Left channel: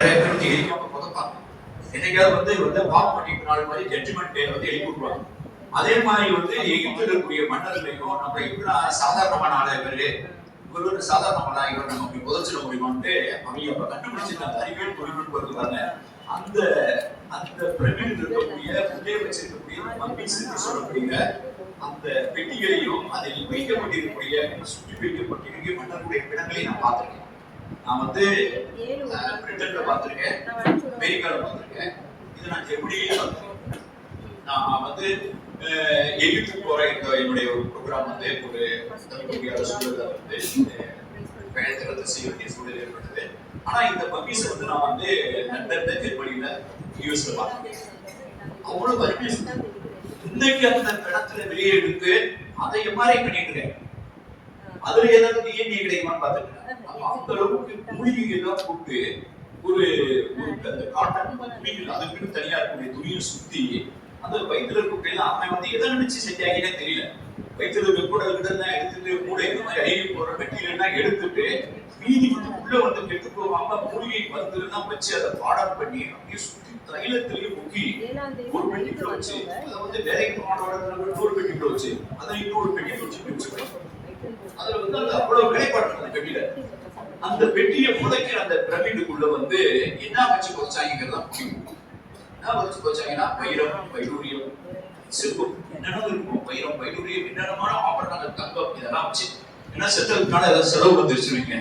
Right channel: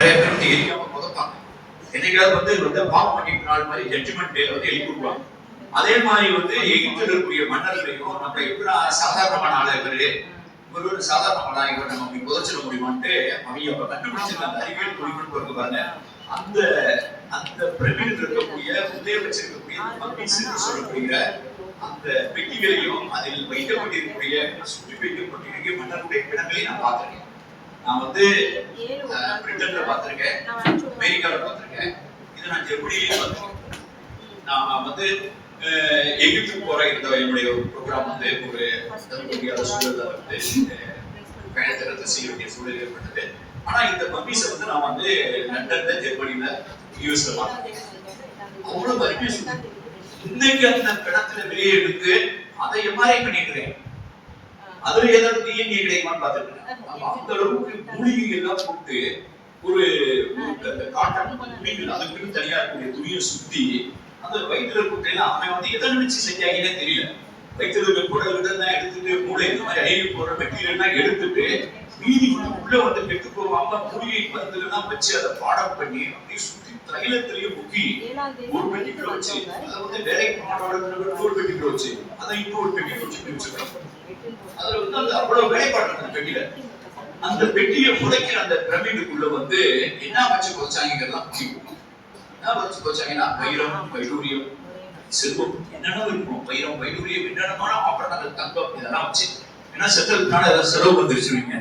நிறைய பேர் வந்து எரிக்காம புதைப்பாங்க. என்னைக்காவது வந்து பாவம் பண்ணிட்டு நாள் மாதிரி ஜட்ஜ்மெண்ட் டே வந்து எழுதி கொடுப்பாங்க. அதே மாதிரி வந்து எகிப்தில் இருக்கக்கூடிய மன்னர்களையும் நம்ம எப்படின்னா சாதாரணமான ஆளா இவரு ஒரு சாதாரணமான இவர் நம்ம அப்படி புதைச்சிட முடியுமான்ட்டு அவங்க அப்ப கண்டுபிடிச்சிருக்காங்க. அறிவியல் தொழில்நுட்பம் இருக்கு பாருங்க. அந்த அந்த பிரமிடில் இருக்கக்கூடிய உள்ளே வச்சிருக்கக்கூடிய மம்மீஸ் சொல்லக்கூடிய அந்த பெட்டிகளையும் அதில் வைக்கப்பட்டிருக்கக்கூடிய சுற்றி வைக்கப்பட்டிருக்கிற மன்னர்களுடைய பிணங்களை நான் பார்த்திருக்கேன். நான் வந்து பிரிட்டன்ல பார்த்திருக்கேன், அமெரிக்கால பார்த்திருக்கேன், இது நான் ஜெர்மனியிலே பார்த்திருக்கேன். நான் வந்து எகிப்துக்கு போற இந்த என்னுடைய ஒரு ப்ரோக்ராம் வந்து ஒரு சூழல் வந்து பயணத்தை செய்ய வேண்டிய சூழல் ஏற்பட்டது. ஆனா இந்த மம்மீஸை வந்து நான் வந்து லண்டன்ல, ஜெர்மனியில, யூஎஸ்ல பார்த்தேன். அவ்வளவு அருமையா இன்னைக்கு அந்த பிணத்துல வெளியே எடுத்து அதை எம்ஆர்ஐ பண்ணிக்கிறேன். அதுல ஏதாவது டிஎன்ஏ கிடைக்குமான்னு பார்த்துருக்கேன். அந்த அளவுக்கு மூலிகை எல்லாம் போட்டு ஒரு காட்டன் துணிகள் அதுக்குன்னு தனியா இருக்கக்கூடிய துணியை சுத்தி அந்த வயிற்றுல இருக்கக்கூடிய அவன் வந்து எதை நினைச்சு செஞ்சாங்கன்னே தெரியல. வயிற்றுல இருக்க குடல்கிட்ட தான் எடுத்துட்டு மூளை இந்த மாதிரி அழிவு போற மெட்டீரியல்லாம் எடுத்துட்டு மீதி உள்ள வந்து கெட்டு போவாம மூலிகை மருந்துலாம் வச்சு அதை பாடம் பண்ணி அப்படியே சுத்தி தைலத்திலேயே முக்கி ஒரு பெட்டிக்குள்ள வச்சு அதை வந்து வேலைக்கு போனவர்கள் ஒரு பெட்டிக்குள்ள வச்சு அதை இன்னொரு பெட்டியை வச்சுட்டு வச்சுக்கிறோம். அதுல வந்து அந்த அவ்வளவு வேலைப்பாடு அந்த பெட்டியில அந்த பெட்டியை புதைக்கிற அந்த பிரமிடுக்குள்ள வந்து என்ன வச்சு போச்சாங்கிறதா முடியும். என்ன வச்சு போச்சாங்கன்னா வைரம், வைடூரியம், செல்வம் என்னென்ன இருக்கும். வைரம், வைடூரியம், என்னென்னமான ஆபரணங்கள், தங்கம் இதெல்லாம் வச்சு ஏன்னா செத்ததுக்கான ஏதாவது செலவு வந்துருச்சுருவீங்க.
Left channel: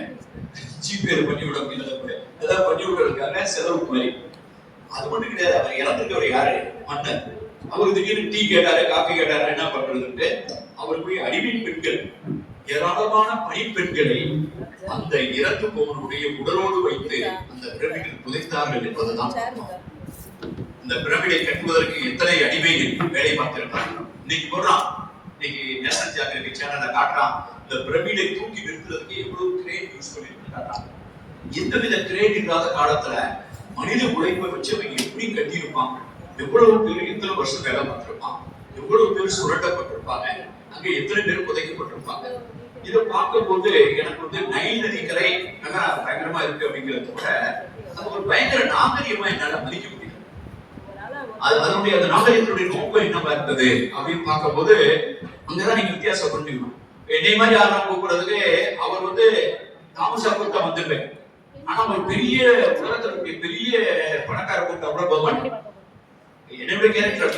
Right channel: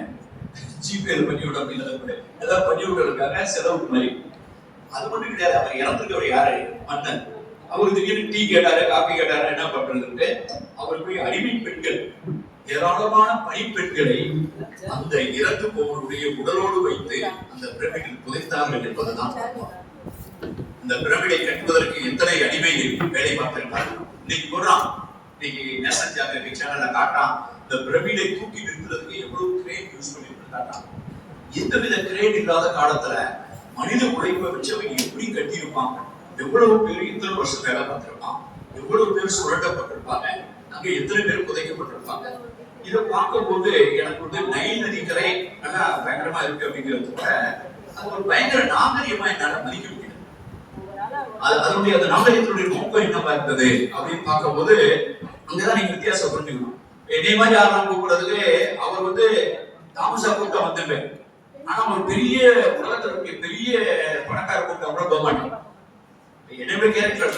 ஜிபே பண்ணி விட அப்படின்னு ஏதாவது பண்ணி விடுறதுக்காக செலவுக்கு மாதிரி. அது மட்டும் கிடையாது. அவர் இறந்துருக்கவர் யாரு? மன்னன். அவரு திடீர்னு டீ கேட்டாரு, காஃபி கேட்டாரு, என்ன பண்றதுன்ட்டு அவர் போய் அடிமை பெண்கள், ஏராளமான பணிப்பெண்களை அந்த இறந்து போவனுடைய உடலோடு வைத்து அந்த பிரமிடில் புதைத்தார்கள் என்பதுதான். இந்த பிரமிடை கட்டுவதற்கு எத்தனை அடிமைகள் வேலை பார்த்திருக்கார்கள். இன்னைக்கு போடுறான், இன்னைக்கு நேஷனல் ஜியோகிராபிக் சேனல்ல காட்டுறான். இந்த பிரமிடை தூக்கி நிறுத்துறதுக்கு எவ்வளவு கிரேன் யூஸ் பண்ணிட்டு காட்டுறான். எந்தவித கிரேன் இல்லாத காலத்துல மனித உழைப்பை வச்சு அவங்க எப்படி கட்டியிருப்பாங்க, எவ்வளவு பேர் எத்தனை வருஷம் வேலை பார்த்திருப்பாங்க, எவ்வளவு பேர் சுரண்டப்பட்டிருப்பாங்க, அங்க எத்தனை பேர் புதைக்கப்பட்டிருப்பாங்க. இதை பார்க்கும்போது எனக்கு வந்து நைல் நதி கரை நல்லா பயங்கரமா இருக்கு அப்படிங்கிறத விட அது ஒரு பயங்கர நாகரிகமா என்னால மதிக்க முடியும். அதனுடைய அந்த நாகரிகத்தினுடைய நோக்கம் என்னவா இருந்தது அப்படின்னு பார்க்கும்போது அங்கதான் நீங்க வித்தியாசம் புரிஞ்சுக்கணும். என்னை மாதிரி ஆகலாம் கூப்பிடுறதுக்கு அவர் வந்து தாமசா கூப்பிட்டா வந்துருவேன். ஆனா ஒரு பெரிய உலகத்துல பெரிய பணக்கார கூப்பிட்டா கூட போக மாட்டேன். என்னுடைய கேரக்டர்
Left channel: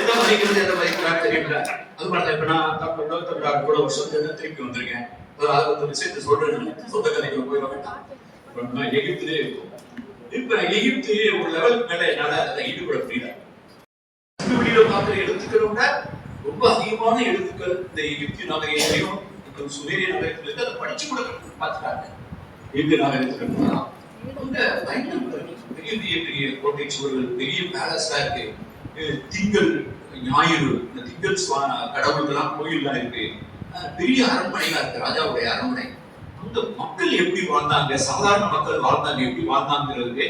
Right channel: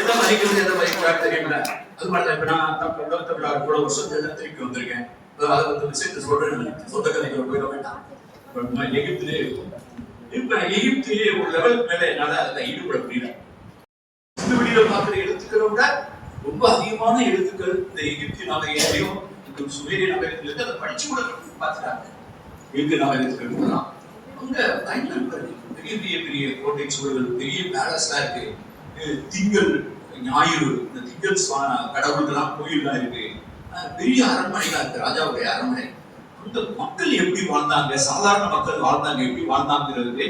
எதை மதிக்கிறது எதை மதிக்கிறாரு தெரியல. அது மாதிரி இப்ப நான் உலகத்தை விழா கூட வருஷம் திருப்பி வந்திருக்கேன். அதை வந்து விஷயத்த சொல்றேன், சொந்த கதைக்கு போயிட வேண்டாம். எகிப்திலே இருக்கும். இப்ப எகிப்திலே ஒரு லெவல் மேல என்னால அதை ஈடுபட முடியல. இந்த வீடியோ பார்த்து எழுத்துக்களோட ரொம்ப அதிகமான எழுத்துக்கள் இந்த எகிப்திய நாகரிகத்தையும் இந்த சுமேரிய நாகரிகத்திலிருந்து அதை படிச்சு கூட பார்த்துட்டாங்க. எகிப்திய நாகரிகத்துக்கு அங்க பயங்கர பெரிய பெரிய பெரிய கோட்டை சுவர்கள், பெரிய பேலஸ்டா இருக்கு. திங்கள் ஞாயிறு இந்த திங்கள் கடவுள்கள்லாம் கோயில்லாம் இருக்கு. பெரிய அரண்மனைகளா இருக்கு, ராஜாவுடைய அரண்மனை. அந்த மக்கள் எப்படி வாழ்ந்தாங்க, சாதாரண மக்கள் வாழ்ந்தாங்க, எப்படி வாழ்ந்தாங்கிறது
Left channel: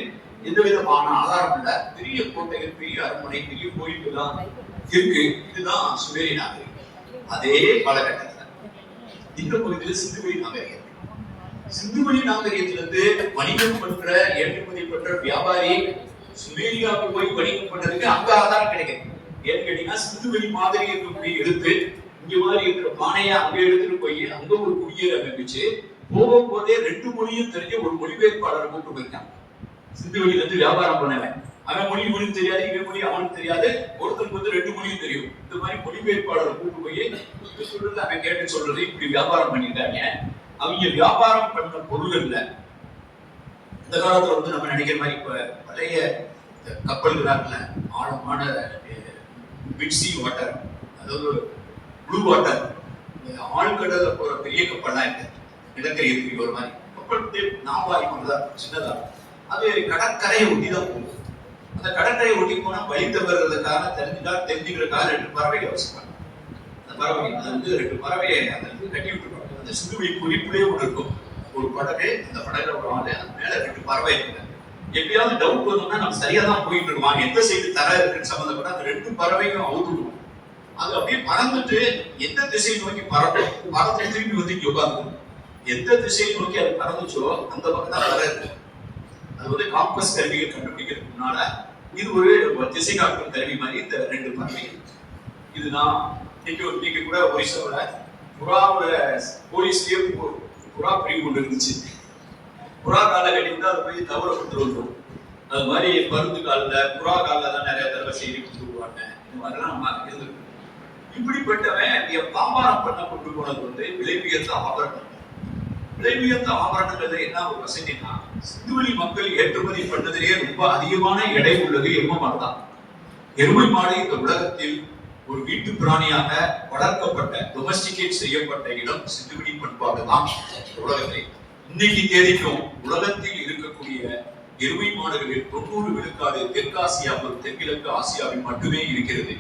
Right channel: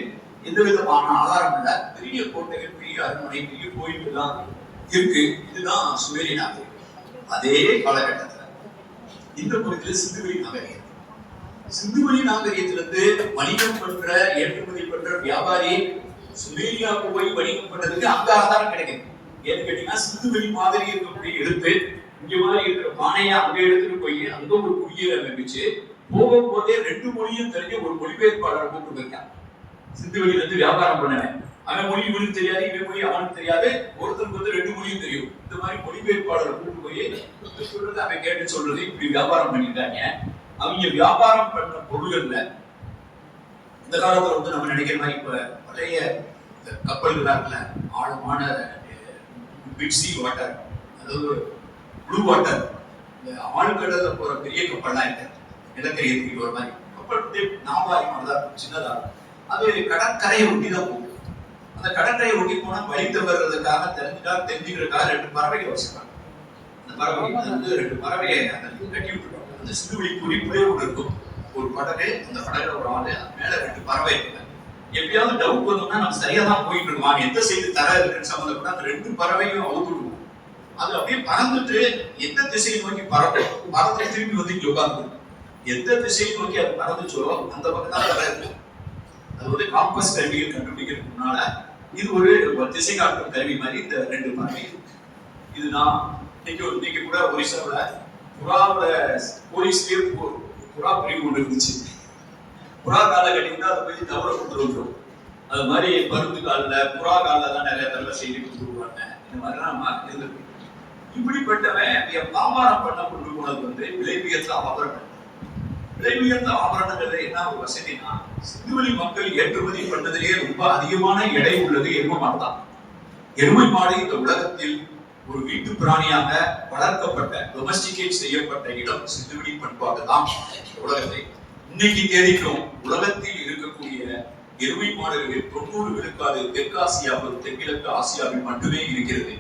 எந்த விதமான ஆதாரம் இல்ல. பெரிய கோட்டைகள், பெரிய அரண்மனை, பெரிய கோயில்கள்லாம் இருக்கு. இதுதான் சுமேரிய நாகரிகம். அதே காலகட்டத்தில் இந்த பகுதியில் சிந்துவெளி நாகரிகம். சிந்துவெளி நாகரிகத்திலிருந்து வணிகம் பண்ற, ஏற்றுமதி பண்ற வியாபாரி சுமேரியாவுக்கு போய் வணிகம் பண்றதுக்கு அங்க ஆதாரம் கிடைக்கும். ஏன்னு கேட்டீங்கன்னா சிந்துவெளி மாதிரி இருக்கக்கூடிய எடுத்து இங்க மாதிரி இருக்கிற பானையா அங்க எடுத்துட்டு போய் அங்க ஒரு குடியேற அமைப்பிச்சு போகும்போதே 2 மொழியும் தெரிஞ்ச ஒரு மொழிபெயர்ப்பாளரை கூப்பிட்டு போயிருக்கான். சிந்துவெளியில இருந்து வியாபாரம் பண்ணவன். அவன் மொழி தெரியாது, இவன் மொழி அவனுக்கு தெரியாது. ஒருத்தருக்கு வந்து 2 மொழியும் தெரியும். இந்த மாதிரி மொழிபெயர்ப்பாளரை கூப்பிட்டு போய் சொல்றது அவன் கேட்டு சொல்றது இப்படி வியாபாரம் பண்ணியிருக்காங்க. அவங்க வியாபாரம் பண்ண பொருள்கள்ல இந்த காலத்துல வந்து நம்ம நினைக்கிற மாதிரி இப்ப பழைய கப்பல்களா இருக்குல்ல, ஆழமான பிட்சி வாட்டர், அதாவது ப்ளூ வாட்டர், ஆழ்கடல்ல போற பெரிய கப்பல்லாம் இருக்கு. நிலக்கரி ஏற்றிட்டு ஒரு மாதிரி கப்பல் நாவாரி மாதிரிதான் சின்னதா. அது கடற்கரையை ஒட்டி தான் போகும். அந்த கடற்கரையை ஒட்டி போனா வழி தவறுறதுக்காக தெரிஞ்சுக்கிறதுக்காக 2 பறவைகள் வச்சுருக்காங்க. அந்த பறவை அது வந்து 2 பறவையை கட்டி விட்டுருப்பாங்க. அந்த சிந்துவெளி குறிப்பிலே ஒன்று இருக்கும். ஒரு படகு, அந்த படகுல ஒரு ஆளு, மேல 2 பறவை இருக்கு. எப்பயாவது டவுட் வந்தோம்னா நம்ம சரியா தான் போயிட்டு இருக்கோம், எந்த சைடு தர இருக்குன்னு சம்பந்தப்பட்ட அந்த 2 பறவையும் அவுத்துடுவோம். அது அப்படியே பறந்துட்டு எந்த திசையை நோக்கி பறக்கும், பறந்து திருப்பி வந்து இங்க உட்காந்து எந்த திசையை நோக்கி அது பறந்துச்சோ அந்த பக்கம் தான் தர இருக்கு. அது வந்து காம்பஸ் கருவிகள் கண்டுபிடிக்கிறதுக்கு முன்னால இது ஒரு திசை காட்டும் கருவி மாதிரி இந்த 2 பறவைகள். இதுதான் இன்னைக்கு கூட ஒரிசாவில் புறாவோட போலீஸ்லயே புறா பிரிவு கொண்டு இருந்துச்சு. புறா காலை கட்டி வந்து அதை போய் தவற கொடுத்துருவோம். அது மாதிரி பருந்து காலில் புறா காலில் தான் நிறைய தடவை செய்தி கொடுத்துருவாங்க. இந்த மாதிரிலாம் நம்ம இருந்திருக்கோம். இப்படிப்பட்டவன் வியாபாரம் பண்ண கொண்டு போனது வந்து விலை உயர்ந்த ஆபரணம். விலை உயர்ந்த ஆபரணங்கள்ல என்ன ஒரு வசதினா, சிந்துவெளி மக்கள் ஏற்றுமதி பண்ணதிலேயே ரொம்ப அதிகமான எடை உள்ளது எருமை மாடு தான். எருமை மாடு இந்த உலகத்தில் ஒரு வீட்டு பிராணியாக வளர்க்கப்பட்ட டொமஸ்டிகேட் செய்யப்பட்ட இடம் சிந்துவெளி பண்பாடு தான் உலகத்தை. இன்னைக்கு தேதிக்கும் உலகத்தில் இருக்கக்கூடிய எருமை மாடுகளில் 90 விழுக்காடு தெற்காசியாவில் தென்கிழக்கு ஆசியாவில் மட்டுமே இருக்கிறது.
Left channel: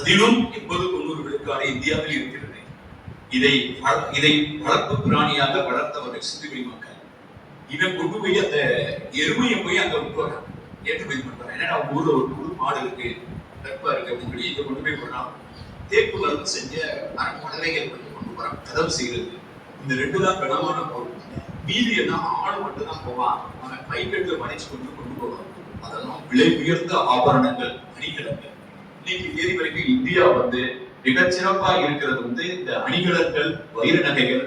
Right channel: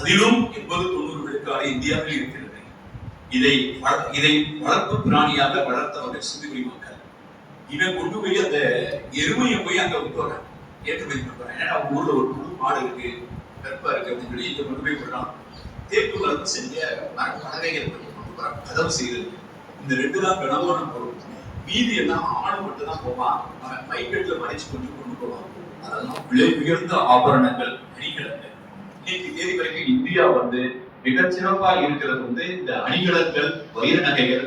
அதிலும் 80-90 விழுக்காடு இந்தியாவில் இருக்கிறது. இதை வளர்ப்பு பிராணியாக வளர்த்தவர்கள் சிந்துவெளி மக்கள். இவன் கொண்டு போய் அந்த எருமையை போய் அங்க விட்டுறான், ஏற்றுமதி பண்றான். ஏன்னா அவங்க ஊர்ல ஒரு புது மாடு இருக்கு, வெப்பா இருக்கு அப்படின்னு சொல்லி இதை கொண்டு போய் போடலாம். தேக்கு மரத்து செஞ்ச பறவைகள் கொண்டு போறாங்க, கதவு செய்யறது. இந்த 2 தான் கனவான பொருள். மீதி எல்லாம் ஆடு மட்டும் தான் போவான். அவன் மைக்கெட்டுல மடிச்சு கொண்டு போவான். அதெல்லாம் விலை உயர்ந்த ஆபரணங்கள், அணிகலன்கள். இன்னைக்கு தேதி வரைக்கும் இந்தியா வந்து மிகச்சிறப்பா இருக்கிறது வந்து இந்த அணிகலன்கள், வைர நகைகள்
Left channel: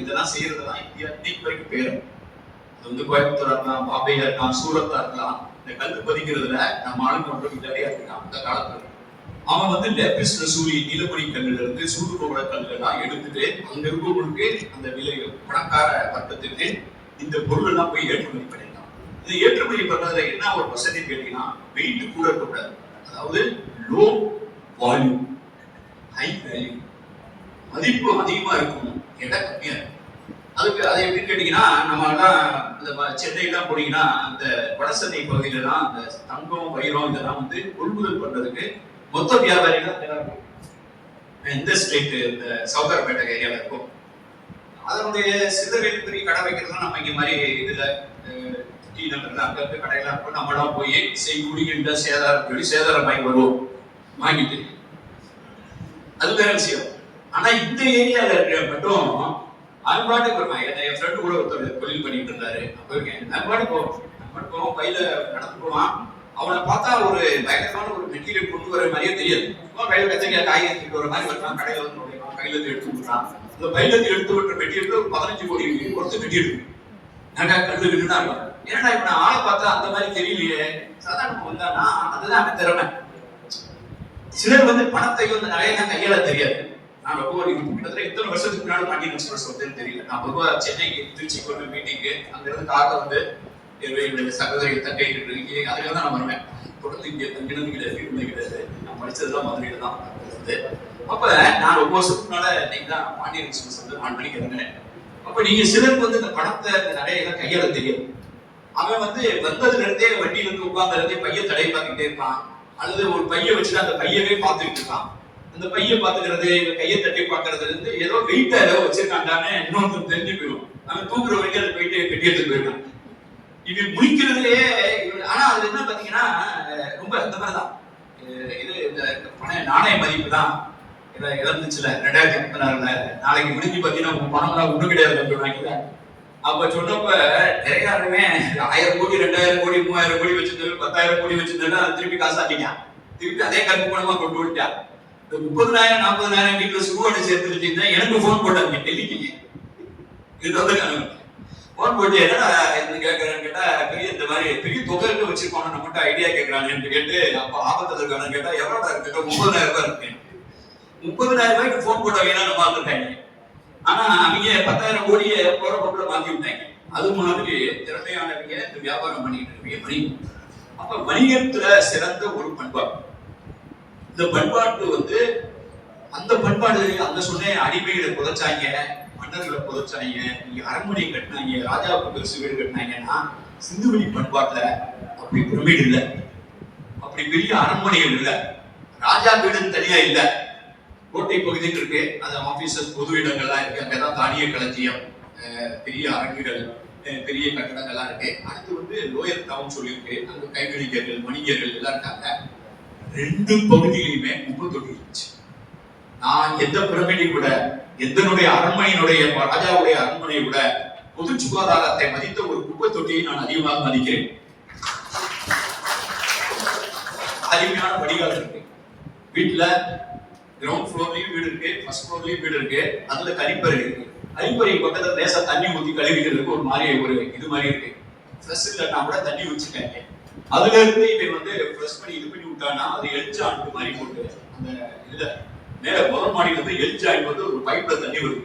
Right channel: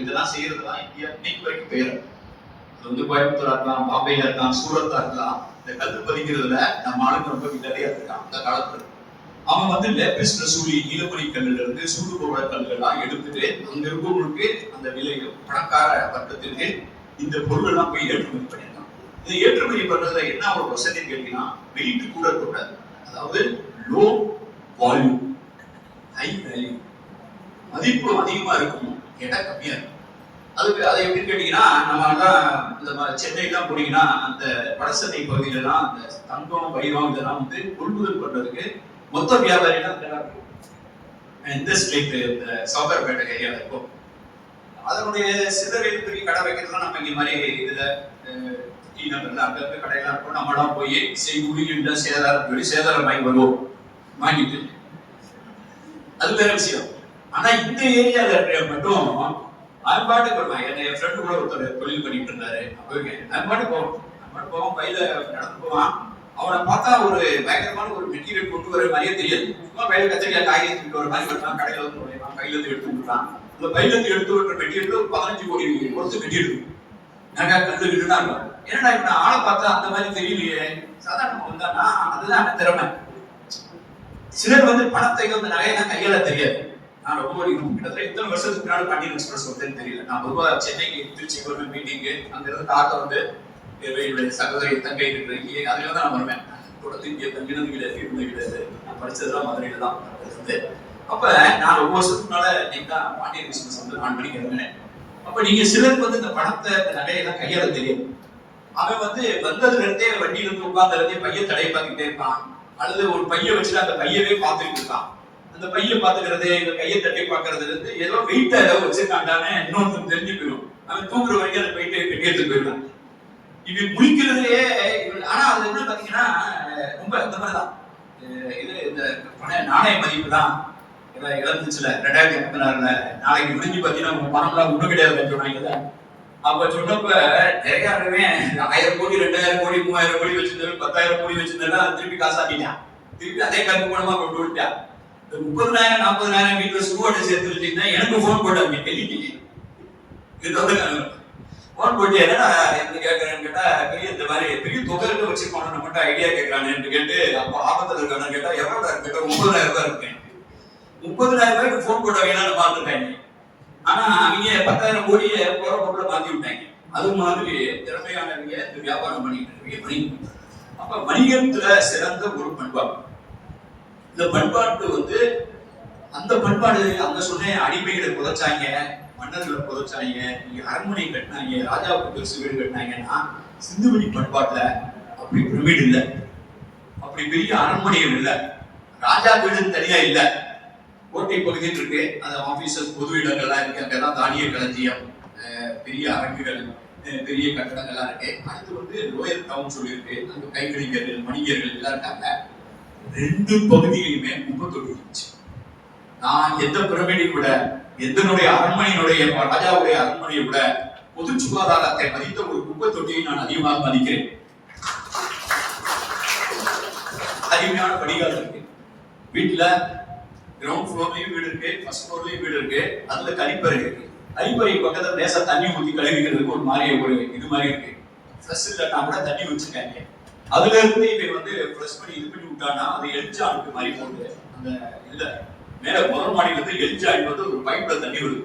இதெல்லாம் செய்யறதுதான் இந்தியா இன்னைக்கு வரைக்கும் பேர். அது வந்து கோயம்புத்தூரா இருக்கலாம், பாம்பேல இருக்கலாம், சூரத்தா இருக்கலாம். இந்த கல் பதிக்கிறதுல நம்ம ஆளுங்க ரொம்ப விளையாடியா இருக்கான். அந்த காலத்துல அவன் வந்து லேபிஸ் லசூலி நீலமணி கல்லுல இருந்து சூடு போடுற கல்லுலாம் எடுத்துட்டு அங்க இருக்கவங்களுக்கு அந்த விலை பணக்கார வர்க்கத்துக்கு இந்த பொருள் எல்லாம் போய் ஏற்றுமதி பண்ணிடலாம். இதை ஏற்றுமதி பண்றதுல என்ன ஒரு வசதி கேட்டீங்கன்னா, வெயிட் கூட கூடாது. அதாவது லோ வால்யூம், ஹை வேல்யூ, மதிப்பு அதிகமா இருக்கும், எடை கம்மியா இருக்கும். அதுக்கு அதை எப்படி கேட்டீங்கன்னா, நம்ம சென்னைலாம் போனீங்கன்னா அந்த வடசென்னை பகுதியில தான் அந்த தங்கம், வைரம் இதெல்லாம் வந்து கொள்முதல் பண்றதுக்கு மொத்த வியாபாரிகள் தயாரிக்கும். இந்த ஸ்ட்ரீட் இந்த சவுகார்பேட்டை ஏரியாவில் இருக்கும். அதனுடைய சிதறில் பெரிய கடை வைக்கிறதுலாம் நம்ம இங்க மாதிரி இதுல டீ நகர்ல அங்க இருக்க கடையெல்லாம் இருக்கும். நம்மளாம் போய் செய்கூலி இல்லை சேதாரம் சொல்லி சேதாரம் வாங்கி வருவோம், வாங்கிட்டு அது வேற விஷயம். ஆனா இந்த ஏரியால இருக்கிற மட்டும் அன்பாட்டுக்கு வருவாங்க. என் ஃப்ரெண்டு கூட ஒருத்தர் தொழில் பண்ணிட்டு இருந்தாரு. அன்பாட்டு போவோம், கையில நடந்து போவான். அவனை பார்த்தா ஒரு பயங்கரமான ஒரு மெட்டீரியல் கொண்டு வர மாதிரியே தெரியாது. சும்மா கையில கத்திரிக்காய் காய் எடுத்துட்டு வர மாதிரி வருவான். கடையில வந்து நுழைவான், கையில இருந்து எடுத்து விட்டுறான். இந்த கையில இருந்து எடுத்து விட்டுற மெட்டீரியல் ஒரு 15 கோடி கொடுத்து மெட்டீரியல் நிறைய கல்லு விட்டுனா இருக்கும். ஏன்னா இப்ப நான் ஆளை பார்த்தா அந்த மாதிரி தெரியலையே, சாதாரணமா வந்தானா அதுதான் அந்த திறமை. சிலர் வந்து பணத்தை வந்து நகையெல்லாம் கையால தெரியாது. நான் ரொம்ப கிட்டத்தட்ட எத்தனை வருஷத்துக்கு முன்னாடி பாண்டியன் எக்ஸ்பிரஸ் வந்து தெரியல. நான் பொதுவா சென்னைக்கு திருச்சிக்கு ஒரு மீட்டிங்கு, அங்க இருந்து கார்ல வந்து என்னுடைய சகோதரி தங்கை இருக்கு, அதுல தான் நான் வருவேன். தொடர்ந்து இங்கே தங்கினது கிடையாது, நான் படிச்சதுலாம் மதுரையில தான் இருந்து. அப்ப நான் ரொம்ப வருஷத்துக்கு முன்னால நீங்க தான் பாண்டியன் எக்ஸ்பிரஸ் வந்து நான் படிக்கிறேன். அப்ப நீங்க சிலருக்கு வந்து இந்த பணத்தை இந்த நகையெல்லாம் கையால தெரியும். அவன் வந்து வந்ததுல இருந்தே வண்டியில இருந்து உட்கார்ந்து இருந்தே பையன் தடை பார்த்துக்கிட்டே இருப்பான், அல்லது ஒரு பையன் வச்சுட்டு அந்த பையவே பார்த்துக்கிட்டு இருக்கான். அந்த பையன் பார்த்துக்கிறது, இந்த கையை தட்டி பார்க்கறதுல இருந்து ஏதோ வெயிட்டா ஏதோ வச்சிருக்காண்டான்னு இன்னொன்று தெரிஞ்சு போயிடும். அவன் தூங்குற வரைக்கும் அதை போயிட்டு கட்டிட்டு போயிடுவான். இது முடிக்கிறதுலயே. ஆனா அது என்ன பாத்தீங்கன்னா ரொம்ப இந்த மாதிரிதான். இது இந்த நாணய மதிப்பு தான் இறந்துச்சுல 2036 நாளைக்கு முடிஞ்சு பாத்தீங்கன்னா உங்க பணம்லாம் ஒண்ணு கிடையாது சொன்னாங்க. அப்ப சொன்னப்ப நிறையாருமே 1000 கோடி 2000 கோடி 3000 கோடி வச்சிருந்தாரு, 10,000 கோடி வச்சிருந்தாரு, அது திருப்பி காசாட்டிட்டான். திருப்பி அதே கருப்பு பணமா கொண்டு விட்டான். 30,000 40,000 வீட்டுல சுருவாட்டை சேர்த்து வச்சிருந்தா எனக்கு போன் போட்டாங்க, டெல்லிக்கு இது வந்து போன் போட்டு என்னடா என்ன கேட்கறான்னு கேட்டா, பெரிய இந்த மாதிரி பெரிய தொகை வச்சிருப்பானு நம்மகிட்ட ஐடியா கேட்கறான்னு கேட்டு, அப்ப ஆபத்துல இருக்கானு கேட்டா எவ்வளோடா இருக்கு, 30,000 ரூபாய் இருக்கேன். 30,000 ரூபாய்க்கு போன் போட்டவங்க தான் பார்த்துட்டாங்க. ஆனா அவங்க 10,000 கோடியை போற பொருளை மாத்தி விட்டாங்க. அது மாதிரி திறமையானவங்க இந்த வியாபாரம் பண்ணிட்டு இருக்கீங்க வணிகம். அப்ப வணிகத்துல சிறந்த ஒரு பண்பாடு. இந்த பண்பாட்டு வந்து அந்த பண்பாடு அந்த சொன்ன அடிமைகளை புதைச்சாங்க, மன்னர்களை புதைச்சாங்க, அரண்மனை கட்டினாங்க, ராஜாவுக்கு பெருசு வீடு கட்டினாங்கன்னா சிந்துவெளி பண்பாட்டுல அப்படி பிரமிடு இல்லை, அப்படி பெரிய அரண்மனைகள் இல்லை, ராஜா வீடு தனியா இல்லை. கோட்டை பகுதியில் இருக்கு, அந்த ஆபீசர் பொது இடங்கள்லாம் இருக்கு, அங்கதான் தானிய களஞ்சியம், பெரிய அரங்குகள், பெரிய கட்டடங்கள்லாம் இருக்கு. அடுத்து வந்து லோயர் டவுன் சொல்லியிருக்கு, அங்க கைவினைஞர்கள் வணிகர்கள் எல்லாம் இருக்காங்க. 2 பகுதியிலுமே குப்பை தொட்டி இருந்துச்சு. நான் எந்த பிரமிடை விட, எந்தனுடைய அரண்மனையினுடைய ராஜாவுடைய அரண்மனையை விட பொது சுகாதாரத்தை மதித்த ஒரு குப்பை தொட்டியை நான் அதிகமாக மதிக்கிறேன். அருமையான வடிகால் இருக்கு வீட்டுல. கிரவுண்ட் ஃப்ளோர்லயும் வீடு இருக்கு, ஃபர்ஸ்ட் ஃப்ளோர்லயும் வீடு இருக்கு. அதுல கழிப்பறை இருக்கு. கழிப்பறை பக்கத்துல லேசா தண்ணி ஊத்தி கழுவிக்கிறதுக்கு ஒரு மாதிரி ஒரு இது மாதிரி இருக்கு. ஃப்ரெஷ் இல்லைன்னா கூட தண்ணி வச்சுக்காங்க. அதுல இருந்து இவன் வந்து ஃப்ரெஷ் பண்ணி இது பண்ணி விட்டானா அது எல்ஜாயிண்ட் மாதிரி போட்டு அந்த இதுல மேல முதல் மாடியில இருந்து எல்ஜாயிண்ட் வந்து ஒரு பைப்ல தண்ணி வருது.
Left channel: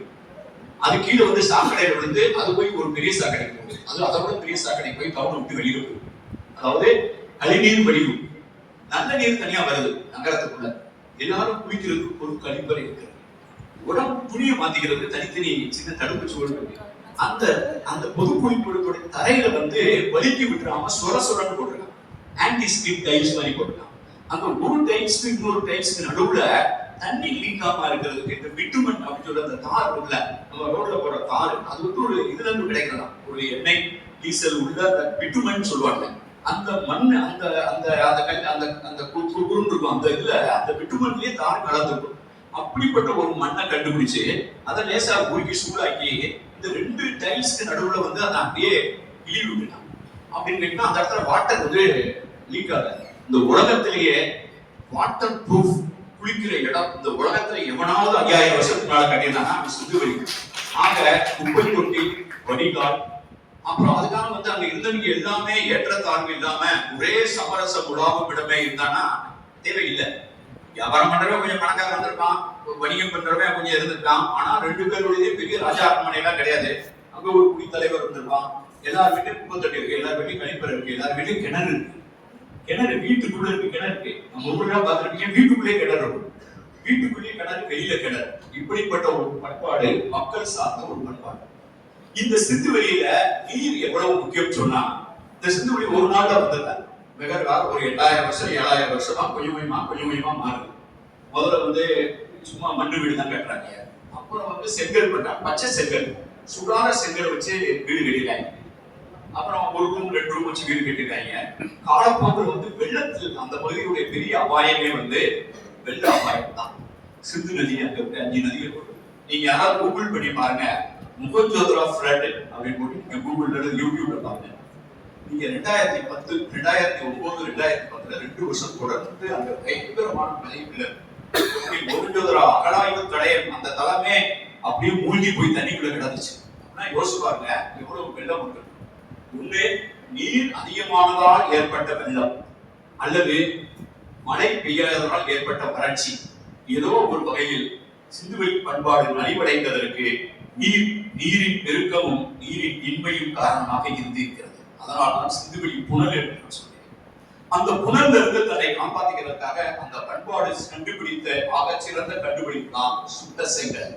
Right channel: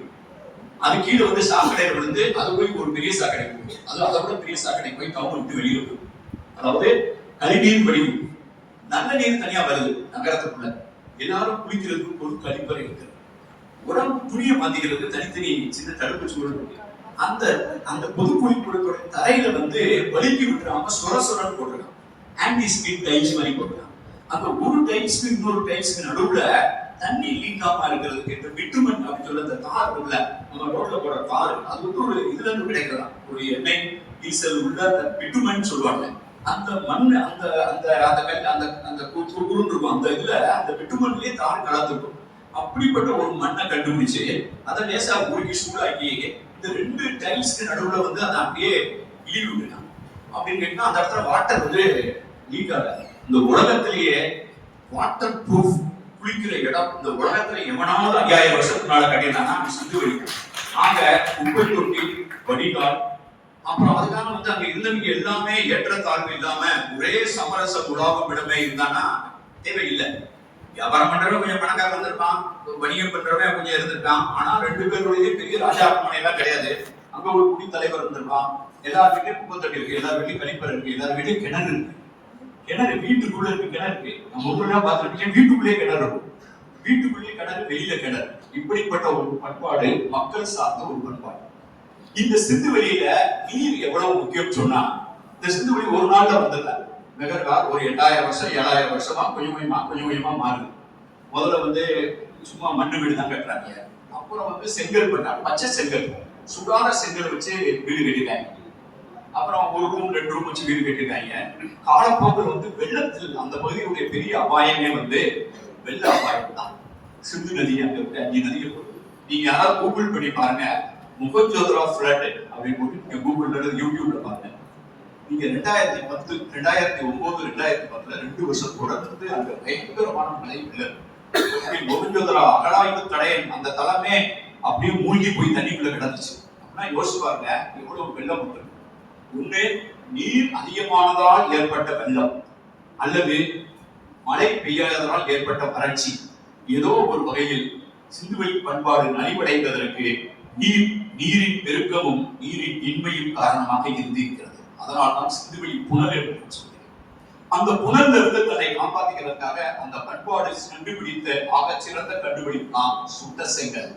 அது கீழே வந்து சாக்கடை விழுந்து அது போய் ஒரு பெரிய சாக்கடை போகுது. அது அதை விட பெரிய சாக்கடை போய் டவுன் விட்டு வெளியே போகுது. அதாவது கழிநீர் வடிவு. நல்ல நீர் தனியா வருது நகரத்துக்குள்ள. எல்லாரும் குளிக்கிறதுக்கு ஒரு கழிப்பறை இருக்கு. உடம்பு துணியை மாத்திக்கிறதுக்கு தனித்தனி சின்ன தடுப்பு சூழல் இருக்கு. அந்த அந்த பொது குடிப்பொருட்களோட தரையில வந்து வலிக்கி விட்டுறாம சொரன்னு போட்டுருக்காங்க. ஆன்டி ஸ்கிட் டைல்ஸ் மாதிரி போட்டுருக்காங்க. அந்த ஒரு டைல்ஸ்க்கு இன்னொரு டைல்ஸ்க்கு நடுவுல தண்ணி லீக் ஆகாம இருக்கிறதுக்கு இந்த பிட்டுமன் அப்படின்னு சொல்ல அந்த தார் உள்ள நம்ம ரோட்ல போற தார் அது வந்து ஒரு இதுல இருந்து கிடைக்கிறதா ஒரு எண்ணெய் டீசல் உள்ள அந்த பிட்டுமன் சொல்லுவாங்க. அந்த மண் அந்த அந்த அந்த அந்த குறுன்னு இருக்கும். அந்த இதுல அந்த பிட்டுமன்லயே தார் கலந்துருக்கும். அப்படிப்பட்ட ஒரு மண்ணை கண்டுபிடிச்சு அதை லேசா உருக்கி சூடாக்கி இந்த ரெண்டு டைல்ஸ்க்கு நடுவுல வந்து அதை அப்படியே இழிவு விட்டான். அப்படின்னு கேட்டா அந்த இடத்துல வாட்டர் வந்து லீக் ஆகல. இந்த உலகத்திலேயே வாட்டர் ப்ரூஃப் குளிக்கிற இடம் இந்த உலகத்துல எவனாவது 5000 வருஷத்துக்கு மேல கட்டியிருந்தாங்கன்னா சுத்துவெளி. ஆக குப்பை தொட்டி, வடிகால், அப்புறம் அதுக்காக வந்து அங்க இருந்தவங்க எல்லாமே ஏற்றத்தாழ்வு இல்லாம ஒரே சமரச உலாவும் இடமே இருந்தானா தேவையில்லை. வியாபாரம் பண்றவன் கொஞ்சம் பணக்காரன் வந்திருப்பான், வணிகம் பண்றவன் கொஞ்சம் இருந்திருக்கான். ஆனா ரெண்டு பேருடைய பெரிய ராஜா அரண்மனைலாம் கிடையாது. அங்க ஒரு குடித்தலைவர் இருந்திருப்பான். எல்லார் வீட்லயும் குப்பை தொட்டி இருக்கு, எல்லார் வீட்லயும் கழிப்பறை இருக்கு, எல்லார் வீட்லயும் கிணறு இருக்கு. கிணறு வீட்டுக்குள்ள இருக்கு, கிணறு இருக்கு. நம்ம ஊர்ல பார்த்துருப்பீங்க, வீட்டுக்குள்ளேயே கிணறு இருக்கும். வீட்டுக்குள்ளேயே கிணறு, வெளியில கிணறு. இப்படிப்பட்ட ஒரு பண்பாடு மக்கள் சார்ந்த ஒரு பண்பாடு. இந்த சிந்து வெளியில நீர் எவ்வளவு முக்கியம் சொன்னா, இந்த சிந்து வெளி ஒரு நாள்ல வந்தல மெகர்கால் ஒரு 8000 வருஷம் 7000 வருஷமா கொஞ்சம் கொஞ்சமா மாறுது. முதல்ல வந்து சும்மா மண்ணு வீடு தான் கட்டுறாங்க. அப்புறம் வந்து செங்கல் பண்ணாங்க, பச்சை செங்கல், சுடான செங்கல் வச்சு வீடு கட்டிட்டாங்க. அப்புறம் ஒரு ரூம் 2 ரூம் வச்சு வீடு கட்டிருக்காங்க. காலப்போக்கில் வந்து வெள்ளத்தில் அந்த பகுதியுடைய பெரிய அபாயமே வந்து வெள்ள அபாயம் தான். சிந்து நதி அங்க இருக்கு, 5 நதிகள். நீங்க யாராவது கூகுள் பண்ணி பாருங்க, முகஞ்சோதரா ஃபிளட் அப்படின்னு போட்டு நீங்க கூகுள்ல யூடியூப்ல பாருங்க. நீங்க 2010, 2009, 2010 2 வருஷம் தொடர்ந்து அந்த பயங்கரமான மழை வெள்ளம். முகஞ்சோதரா அகழாய்வு தடையன் அந்த தளமே அப்படியே மூழ்கி போய் தண்ணிக்குள்ள கிடந்துச்சு. அப்படின்னா யோசிச்சு பாருங்க எவ்வளவு வெள்ளம் உண்டு. ஒண்ணு நீர் அதிகமானதால் ஏற்பட்ட வெள்ளம், அல்லது மழை பெய்யாததால் ஏற்பட்ட வறட்சி. ஏதோ ஒரு வகையில் சிந்துவெளி பண்பாடு நலிவடைந்ததற்கு நீரின் பெருக்கமும் நீரின் இன்மையும் காரணமாக இருந்திருக்கிறது. அதனால்தான் சிந்துவெளி புனல் என்று சொல்கிறேன். அந்த புனல்ல இருந்து தன்னை காப்பாற்றுகிறதுக்காக அந்த பண்பாடு கண்டுபிடித்த ஆக சிறந்த கண்டுபிடிப்பு தான் சுத்த செங்கல்.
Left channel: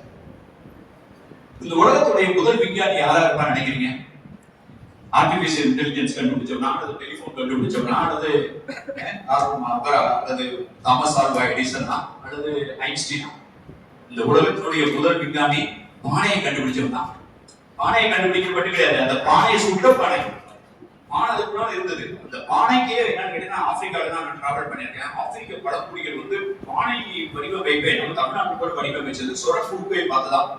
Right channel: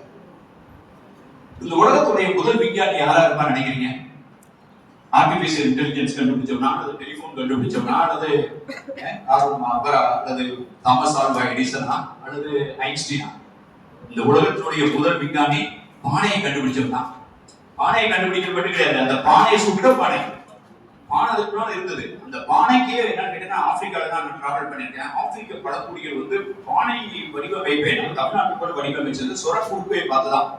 இந்த உலகத்துடைய முதல் விஞ்ஞானி யாரா இருப்பான்னு நினைக்கிறீங்க? ஆர்டிபிஷியல் இன்டெலிஜென்ஸ் கண்டுபிடிச்சவனா, அல்லது டெலிபோன் கண்டுபிடிச்சவனா, அல்லது அல்லது தாமஸ் ஆல்வா எடிசனா, அல்லது ஐன்ஸ்டீனா? இந்த உலகத்துடைய முதல் விஞ்ஞானி பானையை கண்டுபிடிச்சவன் தான். பானையை கண்டுபிடிக்கப்பட்டு கிடையாது, அந்த பானையை சுட்ட பானை. பானை அதுக்குள்ள இருந்தது. அந்த பானைக்கே என்னன்னு கேட்டீங்கன்னா, ஆப்பிரிக்கால தான் நான் டிராவல் பண்ணியிருக்கேன். ஆப்பிரிக்க பழங்குடிகள் வந்து பானை வடிவமைப்பை நம்ம தமிழ்நாட்டு கூட வடிவமைச்சது சொரக்குறுப்பை பார்த்துதான்.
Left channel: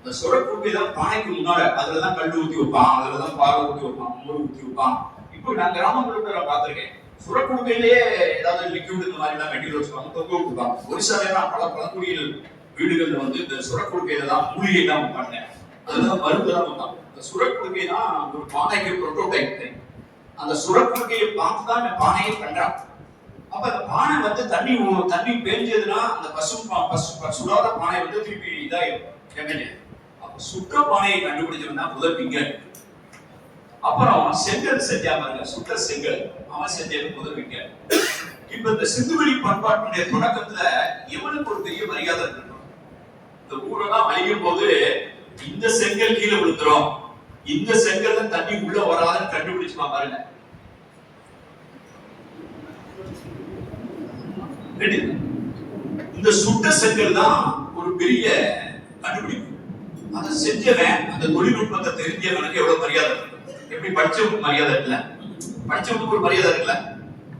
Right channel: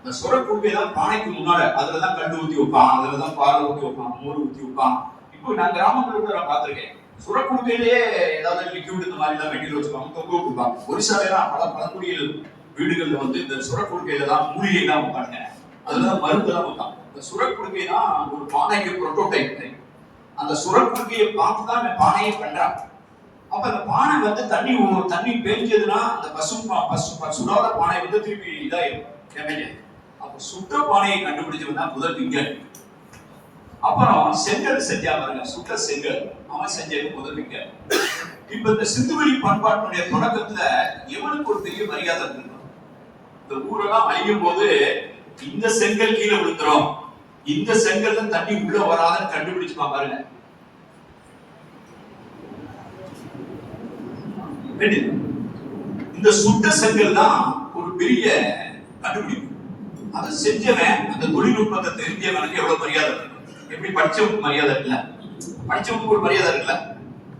இந்த சொரக்குறுப்பை தான் பானைக்கு முன்னால அதுலதான் கல் ஊத்தி வைப்பான், அதுலதான் பால் ஊத்தி வைப்பான், மோர் ஊத்தி வைப்பான். இப்போ நான் கிராமங்களுக்கு நான் பார்த்திருக்கேன். சுரக்குடுக்கையிலேயே ஏதாவது லிக்விட் இந்த மாதிரி எல்லாம் மெட்டீரியல் வச்சுப்பாங்க, தொங்க கொடுப்பாங்க. ஒரிசால தான் பல பழங்குடியில் வீடுகள்ல வந்து இந்த சுரக்குடுக்கையில தான் மூலிகை தான் வைப்பாங்க, அதுதான் மருந்து தான் வைப்பாங்க. இந்த சுரக்குடுக்கை தான் ஒரு பானைக்கு புரோட்டோடைப். அந்த சுரக்குடுக்கையை பார்த்து தான் இந்த பானையை பண்றான். அப்ப அந்த பானை வந்து தண்ணி பெஞ்சதுன்னா அந்த சுடாத பானை வந்து திருப்பி இதாயிரும். அப்ப சுற்ற பானையை கண்டுபிடிச்சவன் தான் முதல் விஞ்ஞானி. அப்புறம் செங்கல் செஞ்சா பாருங்க, சுட்ட செங்கல் அவன் செஞ்சது முதல் விஞ்ஞானி. இப்ப இந்த சிந்துவெளி பண்பாட்டுடைய தொடக்கத்துல எவனுக்கு ஒரு பெரிய மரியாதை இருக்கணும். இந்த ஊரெல்லாம் அழியும் போது இந்த செங்கல் கீழே விழுந்துரும், இந்த செங்கல்ல தண்ணி உள்ள வராதுன்னு கண்டுபிடிச்சுமா பாருங்க. இந்த சுட்ட செங்கல் தான் ஒரு பெரிய கண்டுபிடிப்பு. அதை செஞ்சவன் அந்த தொழில்நுட்பத்தை தெரிஞ்சவனுக்கு எவ்வளவு மரியாதை இருக்கு. எப்படி படிச்சவனுக்கு மரியாதை இருக்குல்ல, படிச்சவனுக்கு ஒரு மரியாதை இருக்குல்ல.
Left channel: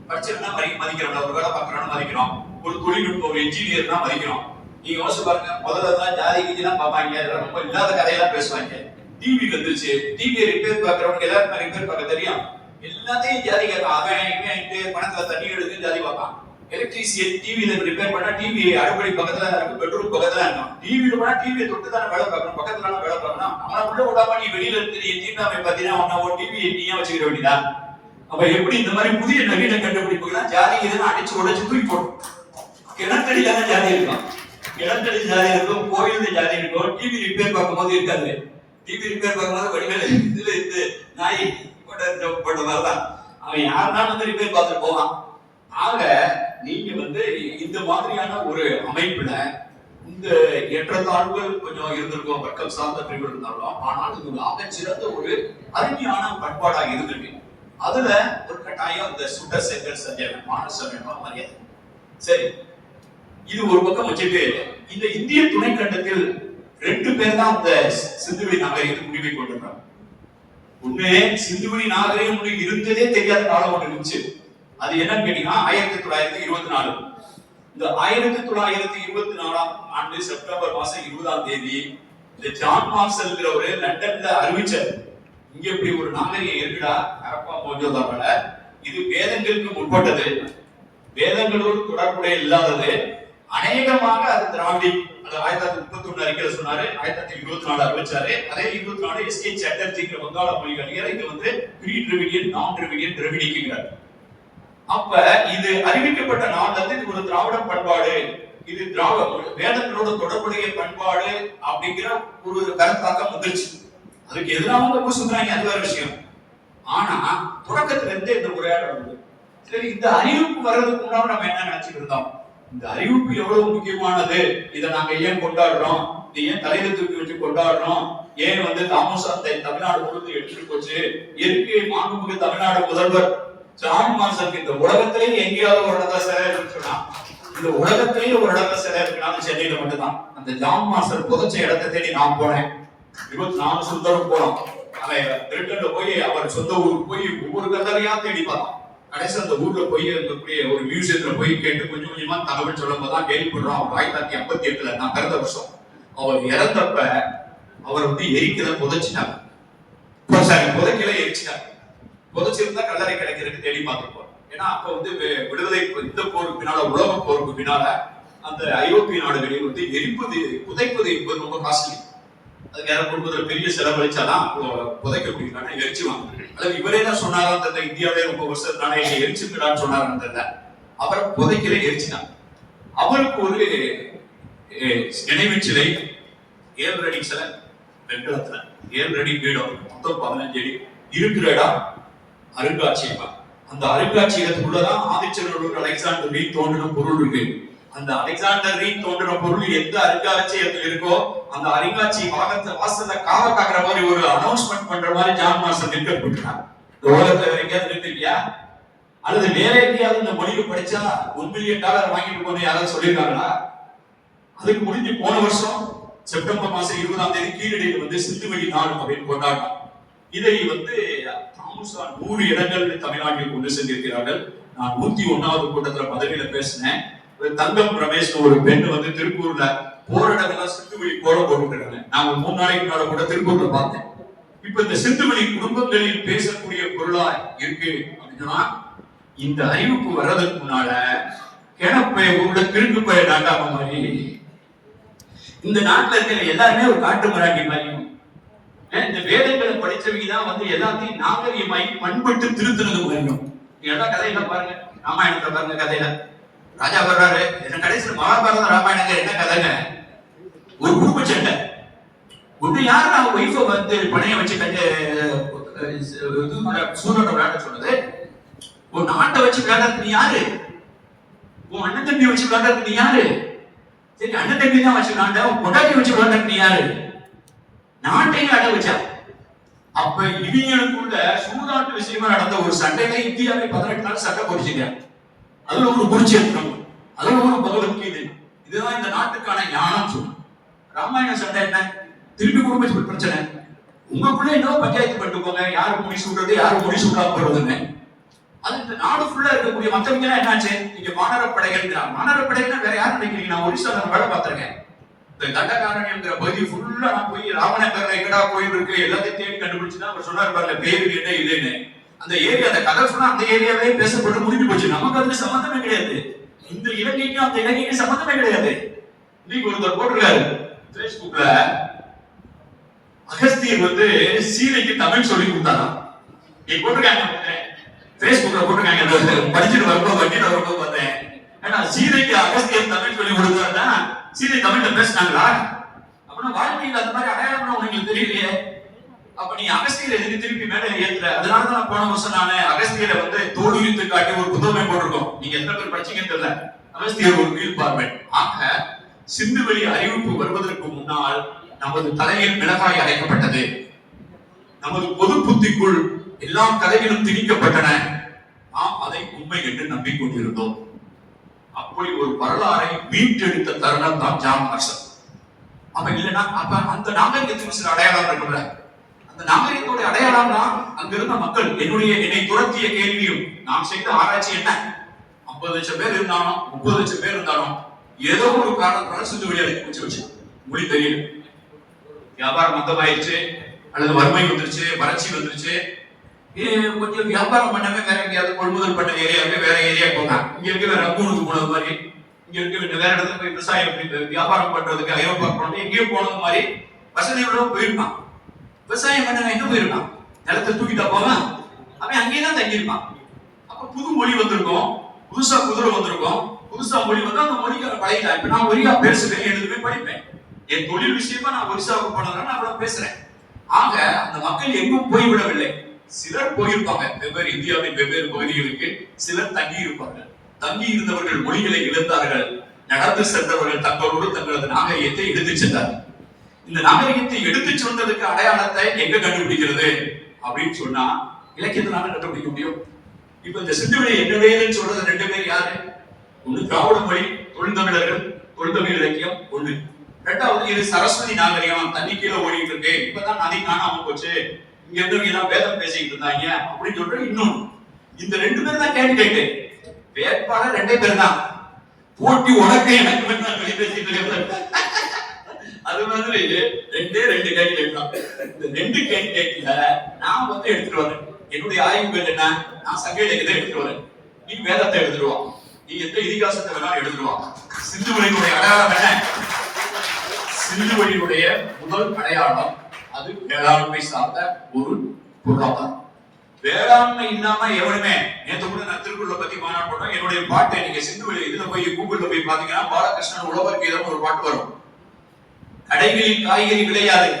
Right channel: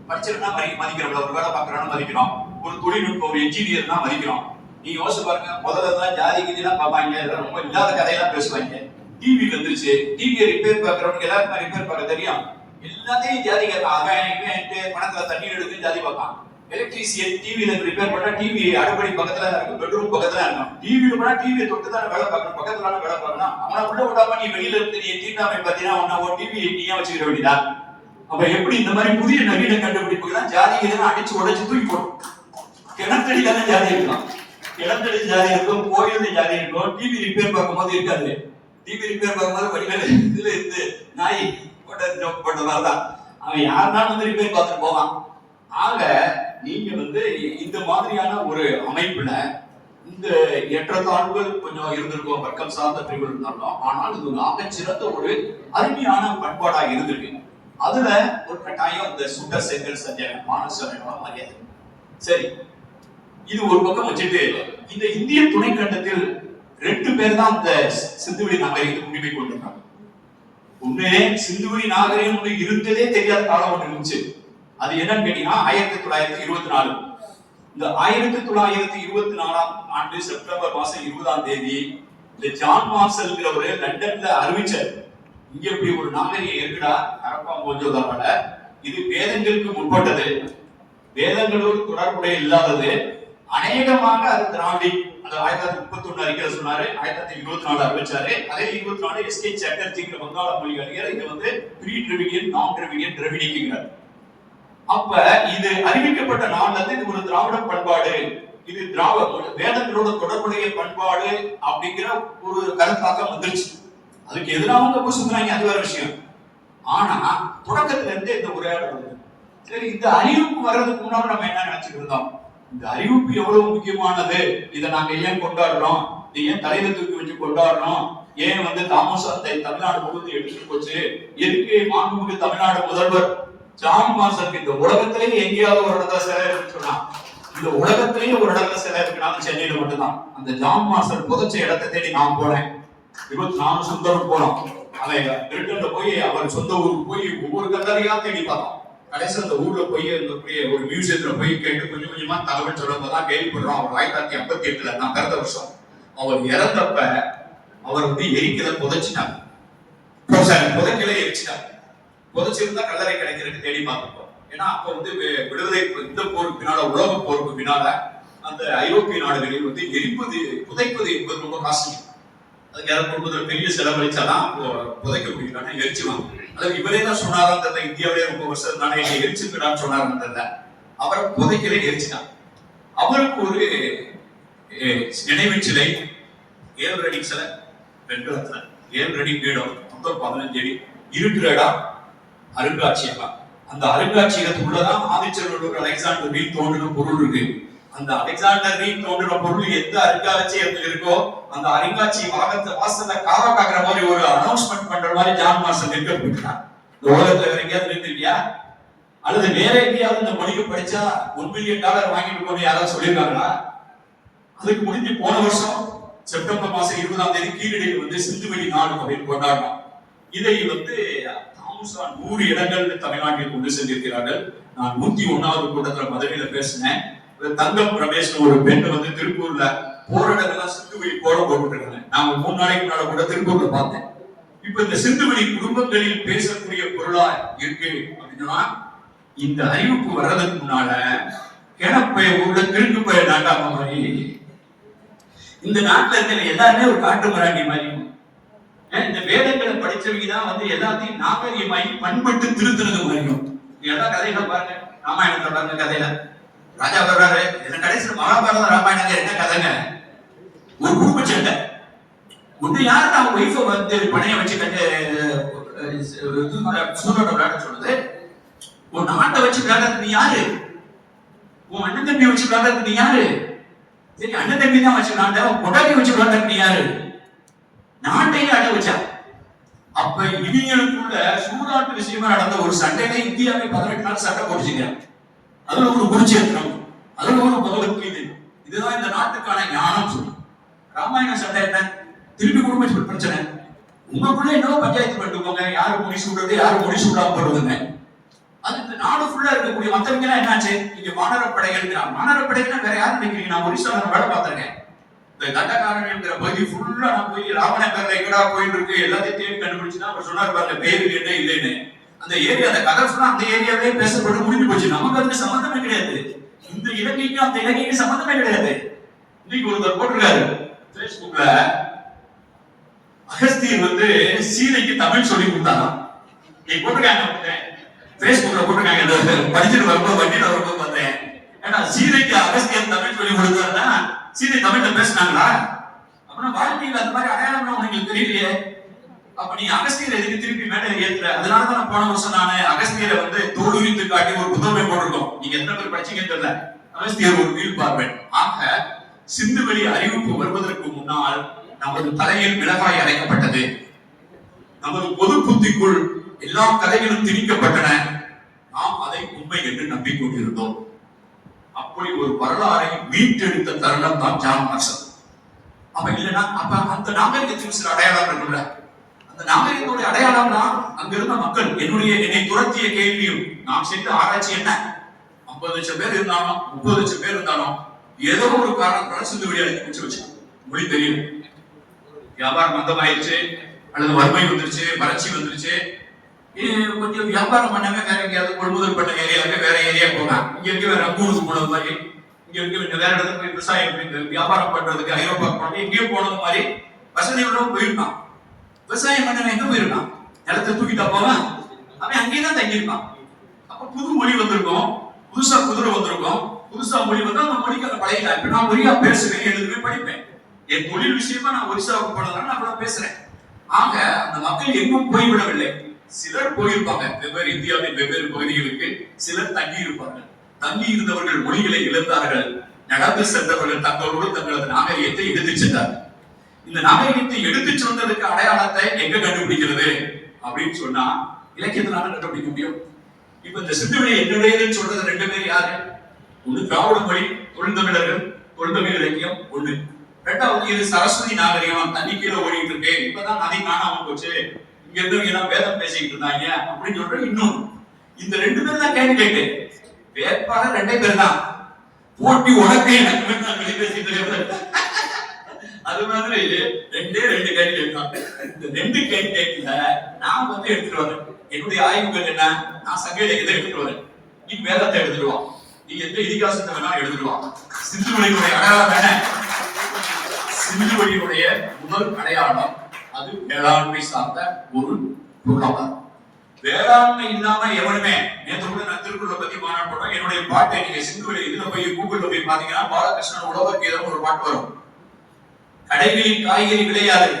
படிச்சவனா மதிக்கிறோம், ஒரு வேலை பார்க்கறான்னு மதிக்கிறோம், ஒரு தொழில்நுட்பம் ஒரு என்ஜினியர் தான் மதிக்கிறோம். நீங்க யோசிச்சு பாருங்க, முதல்ல தான் ஜாதி கீதிலாம் பார்ப்பாங்க, ரொம்ப இல்லாத கதையெல்லாம் பேசுவாங்க. டிவி வந்துருச்சு. டிவியை ரிப்பேர் பார்க்கறவங்க எல்லாருக்கும் ரிப்பேர் பார்க்க தெரியும். எல்லாத்தையும் ஜாதி கேட்பான். அவன் பணத்துல தண்ணி எடுத்து ஜாதி பார்ப்பான். எலக்ட்ரீசியன் டிவியில ரிப்பேர் பண்ணா டிவி அடுப்படி பக்கத்துல இருக்கும், பெட்ரூம் பக்கத்துல இருக்கும். டிவியில போனா டிவியை தொட்டு தான் வேலை பார்க்கணும், பக்கத்துல வேலை பார்க்கணும். அவனை உள்ள விடாம நீ வெளியில இருந்து நீ தீண்டாமை பார்த்தீங்கன்னா ஒரு டிவி நீயா வச்சுக்கிற வேண்டியதா? அப்ப எப்படி இந்த மாதிரி புதிய நவீன கண்டுபிடிப்புகள் ஜாதி எதுனா அடிச்சு உடைச்சு தூக்கி போடும். கிணத்தடிக்கான ஜாதி இருக்கலாம், கிணத்தடி ஜாதி இருக்கும், கோயில் ஜாதி இருக்கும். டிவி ரிப்பேர் பார்க்கும்போது இருக்காது. டிவி ரிப்பேர் பார்க்கும்போது வடிவேல இதுல இருந்து நாய் போட்ட மாதிரிதான் அவன் யாருனாலும் வந்து ரிப்பேர் பார்த்துட்டு போவான். ஆக நீங்க வந்து இந்த மாதிரியான ஒரு அமைப்புல இந்த ஏற்றத்தாழ்வுகள் கொஞ்சம் இருந்திருக்கும், வர்க்கம் சார்ந்த பிரிவு இருந்தாலும், ஆனால் இது ஆக சிறந்த ஒரு அருமையான பண்பாடா இருந்திருக்கு. அதுல ஒரு கட்டாயம் இந்த சுட்ட செங்கல் சத்தியாகிரகம், மானசமயமா மரியாதை. சரி, இது ஒரு பக்கம் வச்சுட்டு இந்த இந்திய துணைக்கண்டத்தில் 2 பேர் தான் இந்த சிந்துவெளி நாகரிகத்துக்கு உரிமை கொண்டிருக்காங்க. உண்மையே சிந்துவெளி நாகரிகம் இருந்ததே தெரியாத காலம் ஒன்று இருந்துச்சு. அது என்னன்னு கேட்டீங்கன்னா 1924. இந்த 1924ஆம் ஆண்டு செப்டம்பர் மாசம் 20ஆம் தேதி இந்த ஜான் மார்ஷல்ங்கிறவரு லண்டன்ல அறிவிச்சார், இங்க இப்படி ஒரு நாகரிகம் இருக்குடா, ஹரப்பா மோஜோதாரோட. இது வேதங்களுக்கு முற்பட்டது, வேதங்களோடு தொடர்புடைய இல்லாதது, அநேகமாக அது திராவிடி. அது 1931 அறிக்கையில சொன்னாரு, 1924 அறிவிச்சாரு. அதே 24 எஸ்கே சட்டர்ஜிங்கிற வங்காள மொழி அறிஞர் இங்க வந்து ப்ரீ டிராவிடியன், நான் டிராவிடியன், திராவிடிக்குங்கிறார். அப்ப இது அறிவிக்கப்பட்ட நாள்ல இருந்து இது ஒரு திராவிட பண்பாடு, இது வேதங்களோட தொடர்புடைய பண்பாடு அப்படிங்கிற ஒரு கருத்தாக்கம் வந்துருச்சு. அதுக்கு எதிராக பூசுறாங்க, அது வேற விஷயம். ஆனா தொடக்கத்துல இருந்து இந்த உரையாடல் வருது. சரி, இந்த அறிவிப்பு வர்றதுக்கு முன்னாடி நம்ம என்ன நினைச்சுட்டு இருந்தோம்? இந்த அறிவிப்பு எவ்வளவு முக்கியமானது, இதை நாங்க ஏன் கொண்டாடுறோம், இதை ஏன் தலையில தூக்கி வச்சு கொண்டாடுறோம், ஏன் வந்து தாமோசத்தை தமிழ்நாடு முழுவதும் எடுத்துட்டு போச்சு, இயற்கை மாண்புமிகு தமிழ்நாடு முதல்வர் ஜான் மார்ஷல் இந்த உலகத்திலேயே எங்கேயாவது ஒரு இடத்துல சிலை இருக்குன்னு சொன்னா, இந்த உலகத்திலேயே ஒரு இடத்துல சிலை இருக்குனாலும் சென்னையில மட்டும்தான். அந்த ஜான் மார்ஷல் புதைச்ச இடத்தை தேடி நான் போனேன். 24 சுந்தரம் போனோம். அவன் பிரிட்டன்ல போய் அவர் சொந்த ஊருக்கு போய் ஒவ்வொரு கல்லறையா தேடி பார்த்தோம். கடைசி அந்த ஊர்ல போய் ஒரு மியூசியத்துல போய் கேட்டு கொஞ்சம் கொஞ்சமா தகவல் சொல்லும்போதுதான் கேள்விப்படுறோம். அவர் 1958 நான் பிறந்த வருஷம் அவர் இறந்தப்ப அவர் வந்து எரிக்கல, புதைச்சிட்டாங்க. புதைக்கல, எரிச்சிட்டாங்க. புதைச்சிருந்தா கல்லறை கிடைக்கிறதுக்கு தேடி பார்த்துருப்போம். ஏன்னா அப்ப வந்து விடுதலை இந்த போருக்கு பின்னால, உலக போருக்கு பின்னால அந்த ஐரோப்பிய நாடுகளில் வந்து எரிப்பது, புதைப்பது என்பது ரொம்ப காஸ்ட்லி. அதுக்கு யாரும் குடும்பத்துல பெரிய செலவழிச்சாதான் புதைக்க முடியல, எரிச்சுவாங்க. அது இவரே தான் சொன்னாரான், இந்தியாவிலே ரொம்ப வருஷம் நானே எரிச்சுக்கிறான்னு சொன்னாருன்னு தெரியல. அவரை புதைக்கல, எரிச்சுட்டாங்க. அவருக்கு ஒரு நினைவு சிலை 7 அடி சிலை, வெண்கலத்துல 7 அடி பீடம், மொத்தம் 15 அடி இருக்கிற இடம் அருங்காட்சியகம். அந்த அருங்காட்சியகத்துக்குள்ளதான் ஆதிச்சநல்லூர் அலெக்சாண்டர் ரீட் தோன்றின பொருள் இருக்கு. அந்த அலெக்சாண்டர் ரீட் தோன்றின பொருள் எந்த அருங்காட்சியகத்தில் இருக்கோ அந்த அருங்காட்சியக வாசல்ல காவ காக்குற மாதிரி ஒரு அனௌன்ஸ்மெண்ட் பண்ற மாதிரி ஜான் மார்ஷல் நிறுத்தப்பட்டார். இந்த உலகத்துல வேற எங்கேயாவது நிறுத்திருக்கியா? அல்லது வேற எங்கேயாவது இந்த மொழிக்கு படிச்சா $1 மில்லியன் வாங்கிட்டு போன யாராவது சொல்லியிருக்காங்களா? அதுக்கு முடிஞ்சு போன வருஷம் செப்டம்பர் மாசம் 20ஆம் தேதி கீழடியில் வந்து சிந்துவெளி நாடு அப்படின்னு கொண்டாடினோம். இதை வந்து 100 இடங்கள் தமிழ்நாட்டில் கொண்டு சென்றிருக்கிறார்கள். நான் 101வது கூட்டத்தில் மதுரையில பேசினேன். தங்கம் ரமேஷ் ஒரு பெண் வந்து திருப்பூர்ல போராட்டங்கள்லாம் சிந்துவெளி போட போட்டுருக்காங்க. நான் 3 நாளைக்கு முன்னால கூட திருப்பூர்ல பார்த்தேன். இப்ப இந்த சிந்துவெளி குடும்பங்களில் பேசக்கூடிய பொருளா இருக்கு அப்படின்னா, இந்த அறிவிப்பு வர்றதுக்கு முன்னால கிணப்பை ஊர்ல கிழக்கு பய நாட்டாம மாதிரி இந்த நாட்டுல இருக்கிற எல்லாருமே ஒரு காட்டு மராண்டி மாதிரி. இந்த வேதங்களை படிச்சவங்க தான் வந்து எல்லாத்தையும் நாகரிகமாயி பண்பட்டு திருத்துறது முடியும். எல்லா கதையில பாருங்க, ராமாயணத்துல பாருங்க, கதையில ராஜா வர்றாரு, கடைசியில் மகாபாரதம் ராமாயணங்க என்ன கதைங்க? ஒரு குடும்ப சண்டை. ஒண்ணு யாரு நம்ம ஒய்ஃபை வந்து பணைய வச்சு கட்டு சூழோட விளையாட சொன்னது? உன் நாட்டை வச்சு விளையாடுறது நீ யாரு? உன் அண்ணன் தம்பியை வச்சு விளையாடுறது நீ யாரு? சரி, அண்ணன் தம்பி தான் வச்சு விளையாண்ட, பொண்டாட்டி வச்சு விளையாடுறது நீ யாரு? நாட்டையும் அட வச்சா. அப்ப இவங்களுக்குள்ள சூதாட்டு விஷயமா நடந்த ஒரு சண்டையில இந்தியாவை 18 நாள் சண்டை போடுச்சுங்க. அதுல ஒரு குருச்சேத்திரம், அதுல ஒரு பகவத்கீதை. இதுதான் இந்த நாட்டுக்கான ஞானம் சொல்லும். ராமாயண சண்டை என்ன? திருப்பி குடும்ப பிரச்சனை. உங்களுக்குள்ள என்ன பஞ்சாயத்து பண்ணிட்டு போங்க, யாரு முடி சூடுறது, யாரு முடி சூடாம போடுறதுன்னு. அது இந்த நாடு ஃபுல்லா இருக்கக்கூடிய மத்தவங்க என்னாச்சு? இங்க மாநகர படைகள், மாநகர படைகள் வேற யாரும் நினைக்கிறீங்க? நான் ஒரிசால வேலை பார்த்திருக்கேன். இந்த தண்டகாரண்யம்ங்கிற பகுதி ஃபுல்லா நான் போய் ராமநகர்ல எங்கடா கோயில் இருக்கு எல்லாத்தையும் தேடி கண்டுபிடிச்சுதான் அவர் சொன்னார் பாருங்க பேரு என்ன இல்லைன்னு. அந்த ஏரியா அந்த கதை சொன்னா அந்த ஏரியாவே பேசப்பட்டு முடிஞ்சு போச்சு. நமக்கு அதுக்கு சம்பந்தமே கிடையாது. இந்த இலங்கைக்கு அந்த இலங்கைக்கு சம்பந்தமே கிடையாது. இன்னைக்கு ஒருத்தர் போட்டிருக்காரு பேஸ்புக்ல, அகஸ்தியர் சீதைக்கு தமிழ் சொல்லி கொடுத்தாராம். நீ போட்டிருக்காங்க பேஸ்புக்ல போட்டிருக்காங்க. படிச்சுட்டு வரும்போது வண்டியில வரும்போது பார்த்தேன். ஏன்னா சீதைக்கு அகஸ்தியர் தமிழ் சொல்லி கொடுத்தாருன்னா சீதை தமிழ்ல பேசினாங்களா? அப்படின்னா வாழ்க்கையில் அந்த மாதிரி அடையாளம் உங்களுக்கு தெரியலையே. அப்ப நீ அகஸ்தியர் எதுக்கு திருப்பி மேலே ஏத்துற? அதனாலதான் போன வருஷம் நானு அகஸ்தியரை தோல்வித்து காட்டி ஒரு புத்தகமே போட்டிருக்கோம். நீங்க எத்தனை பேர் படிச்சீங்கன்னு தெரியல. அகஸ்தியர் ஒரு வீல் பார்வன். ஆக சிந்துவெளி அறிவிப்பு வருவதற்கு முன்னால் நமது தலையில் மிளகாய் அரைக்கப்பட்டது. நமது பொது புத்திக்குள் எல்லா கதைகளும் திணிக்கப்பட்டன. நாம் அதை உண்மை என்று நம்பிக்கொண்டிருந்தோம். அப்படி ஒரு வரலாறை மீட்டெடுத்த தருணம் தான் ஜான் மார்ஷல். அப்ப இல்லைன்னா அப்ப அந்த நாகரிகத்துக்கு சில அடையாளம் இருக்குல்ல. அந்த நாகரிகத்துடைய அடையாளம் தான் அங்க இருந்த மக்கள். என்னை துரத்திய கேள்வியும் நான் செய்த ஆராய்ச்சி என்ன, 50 லட்சம் பேர் இருந்தாலும் 30 லட்சம் பேர் இருந்தாலும் ஏதோ ஒரு காரணத்தினால சிந்துவெளி அழைச்சி வச்சு மொழி தெரியல. வியாபாரம் மந்தமாயிருச்சு, அல்லது வறுமை வந்துருச்சு, வறட்சி வந்துருச்சு. கொஞ்சம் வியாபாரம் பண்ணாம வேற எங்கேயாவது கொள்முதல் பண்ண ஏரியாவுக்கு வேற ஏரியா போகலாம். இங்க இருக்க வேற ரங்கூனுக்கு போனது மாதிரி, இங்க இருக்க வேற இடத்துல போய் விவசாயம் வியாபாரம் பண்றதுக்கு ஐரோப்பா போனது எங்கேயோ போனது மாதிரி வசதிகளோட போயிருக்கான். விவசாயம் பண்ண எங்க போயிருக்கான்? நிலத்தை தூக்கிட்டா போவேன், அவன் அங்கேயேதான் தங்கியிருப்பான். அப்ப புது மொழி வந்திருக்கும், புதுசா குதிரை வந்திருக்கும், புதுசா மொழி வந்து அந்த மொழிக்கார பழகிட்டா. இப்ப நான் ஒரியா பேசுவேன், எழுதுவேன், படிப்பேன். என் தொழில் விஷயமா நான் ஒரிசாவுக்கு போனதுனால நான் கூட பேசுறேன். ஆக அந்த மக்கள் எங்கும் போய்விடவில்லை. சிலர் போயிருப்பாங்க வெவ்வேறு இந்தியாவின் வெவ்வேறு பகுதிகளுக்கு, சிலர் தங்கி இருப்பாங்க. தங்கி இருந்தவர்கள் மொழிகளை இழந்தார்கள். நடந்து சென்றவர்கள் தங்களோடு தங்களது நாகரிகத்தை எடுத்துச் சென்றார்கள். இந்த நாகரிகத்தை எடுத்துச் சென்றதுக்கு அடையாளத்தை எங்க கண்டுபிடிக்கிறது அப்படின்னு சொன்னா இலக்கியத்தினால கண்டுபிடிக்க முடியும். இப்ப இந்த சிந்துவெளி என்னுடையதுன்னு சொல்றது 2 பேர் யாரு? ஒண்ணு திராவிட மொழி, தொழில்தமிழர்கள், தொழில்தமிழ் இலக்கியம் ஒண்ணு. ரெண்டாவது இது சரஸ்வதி நாகரிகம், தண்ணி கீழே ஓடிட்டு இருக்கு, இப்பதான் நதி காணாம போச்சு, இங்க இருந்தவங்க எல்லாம் வேதம் பேசிக்கிட்டு இருந்தாங்க அப்படின்னு சொல்ற இன்னும். இந்த 2 பேர் தான் கேண்டிடேட். வேட்பாளர் 2 பேர் தான். போட்டி உனக்கு எனக்கு பேசிட்டு அது மாதிரி 2 கேண்டிடேட் தான். இந்த 2 கேண்டிடேட்ல நான் எடுத்துட்டு வரேன். என்னுடைய ஆய்வு பேர் என்ன? நான் சங்க இலக்கியத்தை எடுத்துட்டு வரேன், நீ வேதத்தை எடுத்துடுவான், நீ எந்த இதிகாசத்தை வேணா எடுத்துடுவான். சிந்துவெளியினுடைய அடையாளம் என்ன? சிந்துவெளியினுடைய முதல் அடையாளம் அது வேளாண்மை சார்ந்த ஒரு பொருளாதாரம். வேளாண்மை இல்லாம எவனுமே, நேற்று கூட நான் திருக்குறளை பத்தி மாநாடு போட்டோம். என்னுடைய பாட்டை நீங்க சிந்துவெளி இதுல போய் கூகுள்ல போய் பாத்தீங்கன்னா பாலகிருஷ்ணன் உழவர் கீதம் ஒரு பாட்டு வரும். கடைகளில் காய்கறி விளையாது,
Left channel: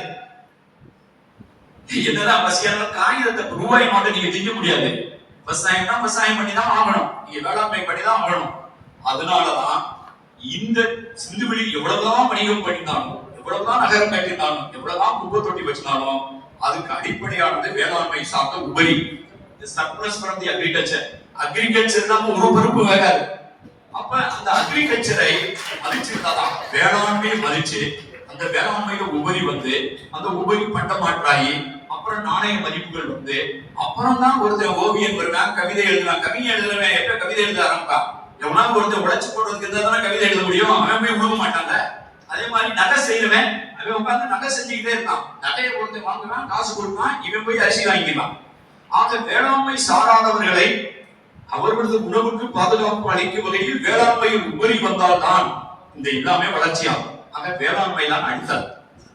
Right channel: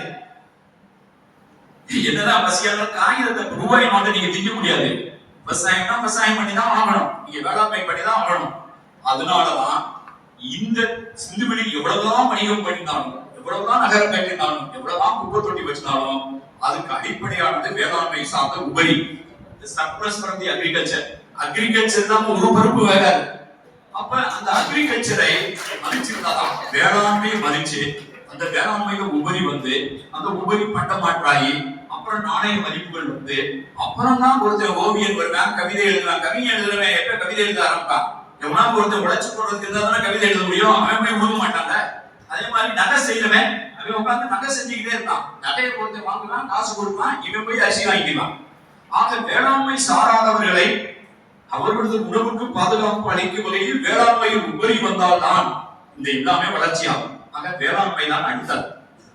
என்னதான் பசியாலும் காகிதத்தை ரூபாய் மட்டும் நீங்க திங்க முடியாது. விவசாயம்னா விவசாயம் பண்ணி தான் ஆகணும், நீங்க வேளாண்மை பண்ணி தான் ஆகணும். அதனாலதான் இந்த சிந்துவெளி எவ்வளவுதான் வணிகம் பண்ணினாலும், எவ்வளவுதான் நகரம் கட்டினாலும், எவ்வளவுதான் குப்பை தொட்டி வச்சினாலும் அதுக்கு அடிப்படையானது வேளாண்மை சார்ந்த உபரி. Surplus from the agriculture. Agriculture தான் ஒரு பொறுப்பு வேகாது. அப்ப அந்த அக்ரிகல்ச்சரை மதிச்சிருந்தாதான், வேளாண்மையை மதிச்சு அந்த வேளாண்மையில உபரி அந்த உபரி பண்டமாற்றாயி அப்புறம் நாணய மதிப்புகள் அப்புறம் தான் ஒருத்தர் ஓவியன் வருவான், கவிதை எழுதுறான். கவிதை எழுதுறவன் எப்ப கவிதை எழுத ஆரம்பிப்பான்? எவனா ஒருத்தர் உழைச்சு போடுறதுக்கு இருந்தா தானே கவிதை எழுத முடியும். அவன் போய் உழுவ மாட்டாங்க. அதே மாதிரி நகை செய்யறவன் அவன் உட்கார்ந்து நகை செஞ்சுக்கிட்டே இருக்கான். நகையை ஒருத்தர் வாங்குவான், காசு கொடுப்பான், இவன் போய் அரிசி வாங்கிக்கலாம். ஆக வேளாண்மை சாராதவர்களை அவர்களது உணவுக்கு பாதுகாப்பு அளிக்கும் வகையில் வேளாண்மையில் உபரி வந்தால்தான் இந்த எல்லாமே வளர்ச்சியாகும். ஆக வேளாண்மை தான் அடித்தல்.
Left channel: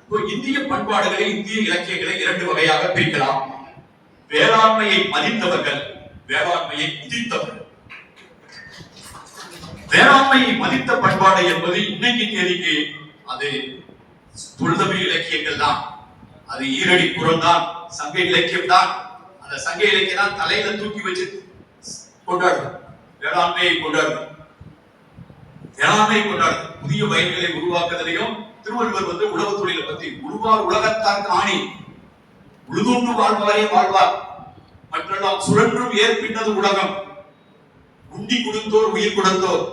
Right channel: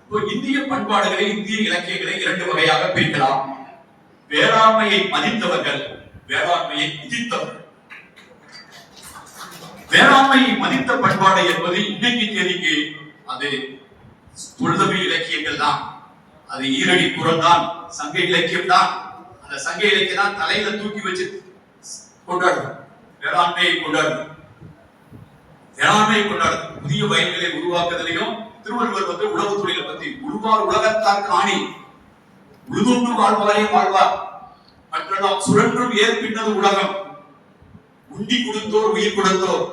இப்போ இந்திய பண்பாடுகளை, இந்திய இலக்கியங்களை 2 வகையாக பிரிக்கலாம். வேளாண்மையை மதித்தவர்கள், வேளாண்மையை குதித்தவர்கள். வேளாண்மையை மதித்த பண்பாடு என்பது இன்னைக்கு தேதிக்கு அது தொல்தமிழ் இலக்கியங்கள் தான், அது ஈரடி புறம் தான், சங்க இலக்கியம் தான். அந்த சங்க இலக்கியம் தான் தலையில தூக்கி வச்சு கொண்டாடுறது, வேளாண்மையை கொண்டாடுறது, வேளாண்மையை கொண்டாடுறது. புதிய வயல்களை உருவாக்குவதிலையும் திருவள்ளுவர் உழவு தொழிலை பத்தி உழுவார் உலகத்தாக்கு ஆணி, உழுதுண்டு வாழ்வாரே வாழ்வார், மற்றெல்லாம் சுழன்றும் ஏற்பின்னது உலகம், உண்டி குடுத்தோர் உயிர் கொடுத்தோர்.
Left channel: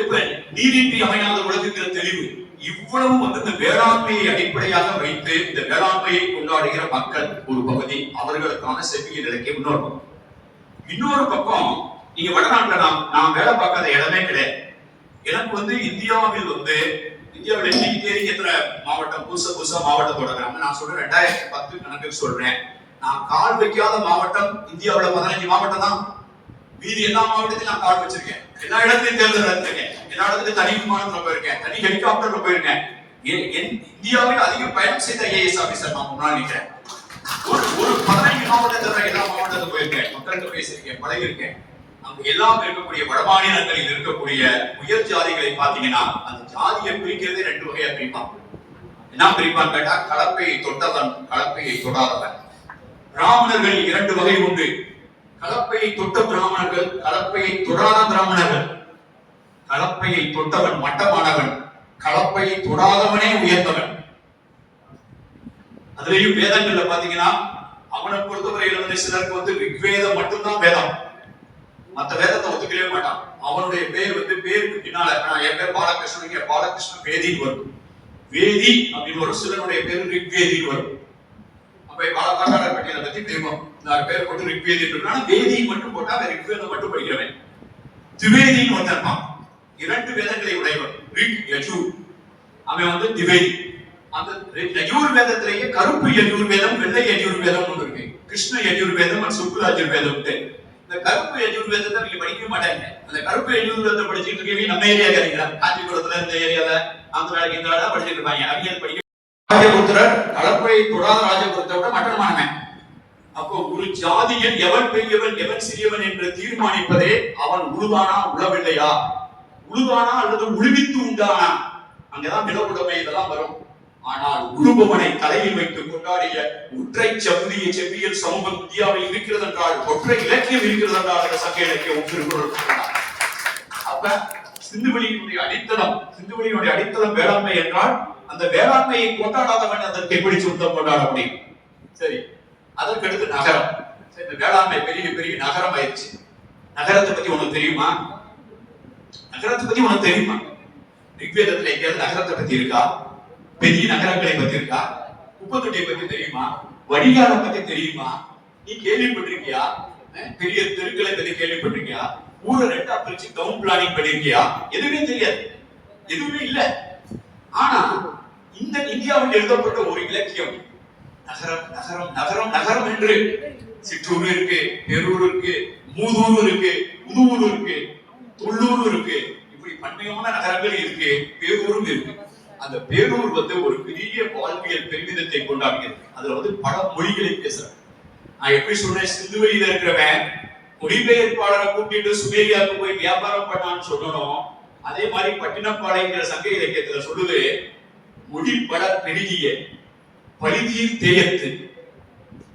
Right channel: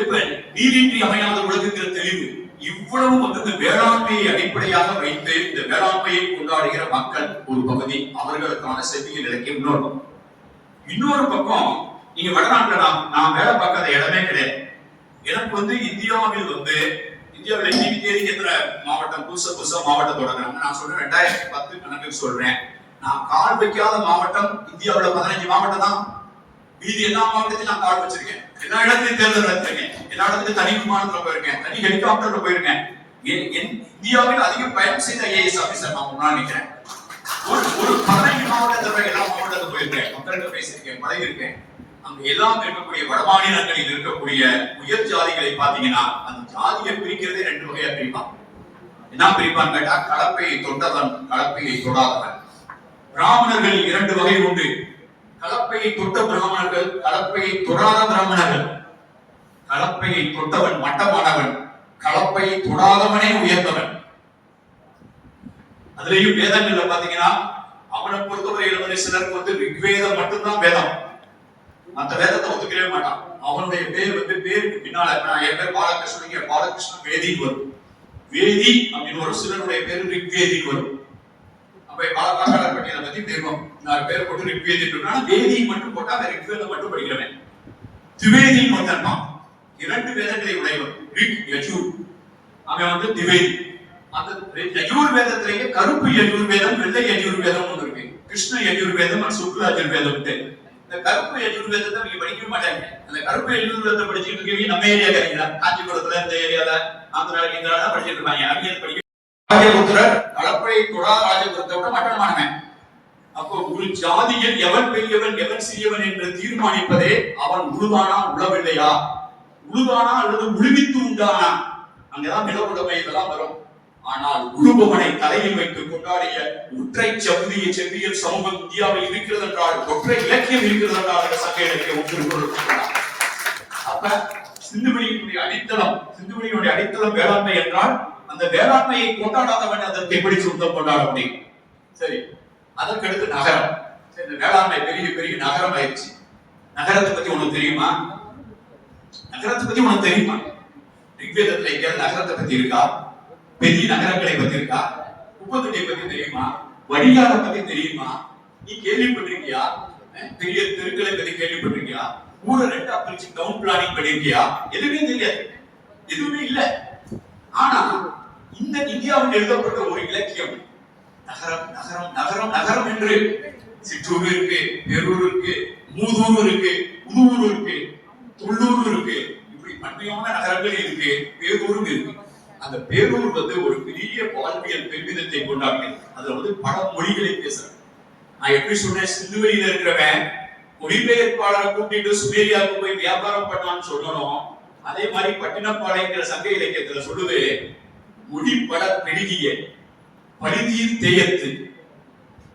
எப்ப நீதின்றி அமையாத உலகுங்கிற தெளிவு. இவ்வளவு வேளாண்மையை அடிப்படையாக வைத்து இந்த வேளாண்மையை கொண்டாடுகிற மக்கள் ஒரு பகுதி, அவர்களுக்கான செவ்வியல் இலக்கியம் இன்னொரு பக்கம். இன்னொரு பக்கம் நீங்க வடநாட்டுல நான் வேலை பார்க்காத இடமே கிடையாது. எனக்கு வந்து இந்தியாவில் இன்னைக்கு தேதி எத்தனை மாவட்டம் புதுசா மாவட்டம் தொடங்குறாங்க. நான் சொல்றேன் 2010 கணக்கு சொல்றேன். நான் கால் வைக்காத மாவட்டம் இந்தியாவில் 15 மாவட்டம் தான். மீதி எல்லா மாவட்டத்திலும் நான் கால் வச்சிருக்கேன். எல்லா இடத்துலையும் தேர்தல் நடத்திருக்கேன். எல்லா இடத்துலையும் தனி விமானத்துல போயிருக்கேன், தனி ஹெலிகாப்டர்ல போயிருக்கேன். இந்தியாவில் அதிகம் பயணம் செய்த ஐஏஎஸ் ஆபீசர் நான் முன்னாள் நினைக்கிறேன். ஒரு 15 மாவட்டத்தில் எல்லா மாவட்டத்துக்கு போயிருக்கேன், மக்கள்கிட்ட பேசியிருக்கேன், பழகிருக்கேன். அங்க எல்லாம் இருக்கக்கூடிய வடமாநிலங்களில் இருக்கக்கூடிய உயர் ஜாதிகளை பாத்தீங்கன்னா அந்த ஜாதியை பிரிக்கிறதே 2 வகையா பிரிப்பான். என்ன பிரிப்பான் கேட்டா, கலப்பையை தொட்டவன், கலப்பையை தொடாதவன். பிராமணர்கள் 2 வகை உண்டு. கலப்பையை தொட்ட பிராமணர்கள், கலப்பையை தொடாத பிராமணர்கள். கலப்பையை தொட்டவன் மட்டமானவன், கலப்பையை தொடாதவனே உயர்ந்தவன். அதுலயும் வேதங்கள்ல பாத்தீங்கன்னா அவனை பொறுத்தவரையில வந்து சிலருக்கு ரிக்வேதம் மட்டும்தான் வேதம், மற்ற வேதத்தை ஒத்துக்கவே மாட்டான். அவனுடைய பேருக்கு பின்னால என் பேர் பாலகிருஷ்ணன், பாலகிருஷ்ணன் வேதின்னு வரும். வேதி அப்படின்னு வரும். சிலனுடைய பேரு ரிக்வேதின்னு வரும். அப்ப பாலகாரர் பட்டியலை பத்தி தெரியும். நான் பேர் போட்டு ரிக்வேதி வேதி மட்டும் போட்டா ரிக்வேதம் மட்டும் படிக்கிறவன். திவேதின்னு ஒருத்தன், 2 வேதங்களை உடையவன். ரிக் யஜூர், அவன் திவேதி. அந்த யஜூர் வேதத்திலேயே கருப்பு யஜூர் வேதம், வெள்ளை யஜூர் வேதம் ஒன்று இருக்கு. கிருஷ்ண யஜூர் வேதம், சுக்ல யஜூர் வேதம். இந்த கருப்பு யஜூர் வேதத்தை நீங்க படிக்கவே மாட்டாங்க. அந்த கருப்பு யஜூர் வேதத்தை படிச்சுட்டு இருக்கீங்க நம்ம ஏரியா கிடைக்கிறா, காஞ்சிபுரத்துல இந்த ஏரியால ஆந்திரா இந்திரால படிச்சுட்டு இருப்பாங்க. அடியன் படிக்க கலப்பையை தொடாத ராஜபுரத்தை விட மட்டமானவன். அப்போ ஒரு ஜாதியில் எவன் பெரியவன் எவன் சிறியவன் என்று தீர்மானிப்பதே அவன் உழுதானா உழவில்லையா, உழுதானா அல்லது உழுவித்து உண்டானா, அங்கதான் நில உடைமை இதெல்லாம் வரும். ஆனால் உழுபவனை தலையில் வைத்து கொண்டாடிய ஒற்றை செவ்வியல் சமூகம் இந்தியாவில் இருக்கிறது என்றால், ஒற்றை இலக்கியம் இருக்கிறது என்றால் சங்க இலக்கியம் ஒன்று. அப்ப சிந்துவெளியினுடைய அடித்தளம் வேளாண்மை என்றால், அந்த வேளாண்மையை கொண்டாடாதவன் அதற்கு எப்படி சொந்தம் கொண்டாட முடியும்? சரி, அதற்கு அடுத்து நகரம். இந்த வேளாண்மை பெரிய நகரம் ஆயிடுச்சு. நகரத்தை பத்தி உனக்கு தெரியுமா? ரிக்வேதத்துல எங்கேயாவது நகரத்தை பத்தி இருக்கா? பெரிய நகரங்களை பத்தி இருக்கா? குப்பத்தொட்டியை பத்தி தெரியுமா? வடிகாலை பத்தி தெரியுமா? நீ கேள்விப்பட்டிருக்கியா? பெரிய தெருக்களை பத்தி கேள்விப்பட்டிருக்கியா? ஊரை 2 பிரிச்சு டவுன் பிளானிங் பண்ணிருக்கியா? எதுவுமே தெரியாது, எதுவுமே இல்ல. ஆனா இந்த இந்தியாவில் எழுதப்பட்ட ஒரு இலக்கியம் நகரம் நகரம் நகரம் நகரம் என்று. சிற்றூர் இருக்கு, பெரூர் இருக்கு, மூதூர் இருக்கு, புதுவூர் இருக்கு, தொள்ளூர் இருக்கு. இப்படி பன்மையான நகரங்கள் இருக்கு, பேரூரும் இருக்கு. அந்த பேரூர் ஒரு பெரிய வாழ்வியல் பெருமிதத்தை கொண்டாடுகிறது. அதுல பல மொழிகளை பேசுறேன். நான் எப்படி சொன்னேன், சிந்துவெளியில இருக்கிறவன் மொழிபெயர்ப்பாளரை கூட்டிட்டு சுமேரியாவுக்கு போய் வியாபாரம் பண்ணான்னு சொல்லணும். அதே மாதிரி பட்டினப்பாளையங்கிற சங்க இலக்கியத்துல சொல்லுது, மொழிபட பெருகிய பரிதியில் தேயத்து,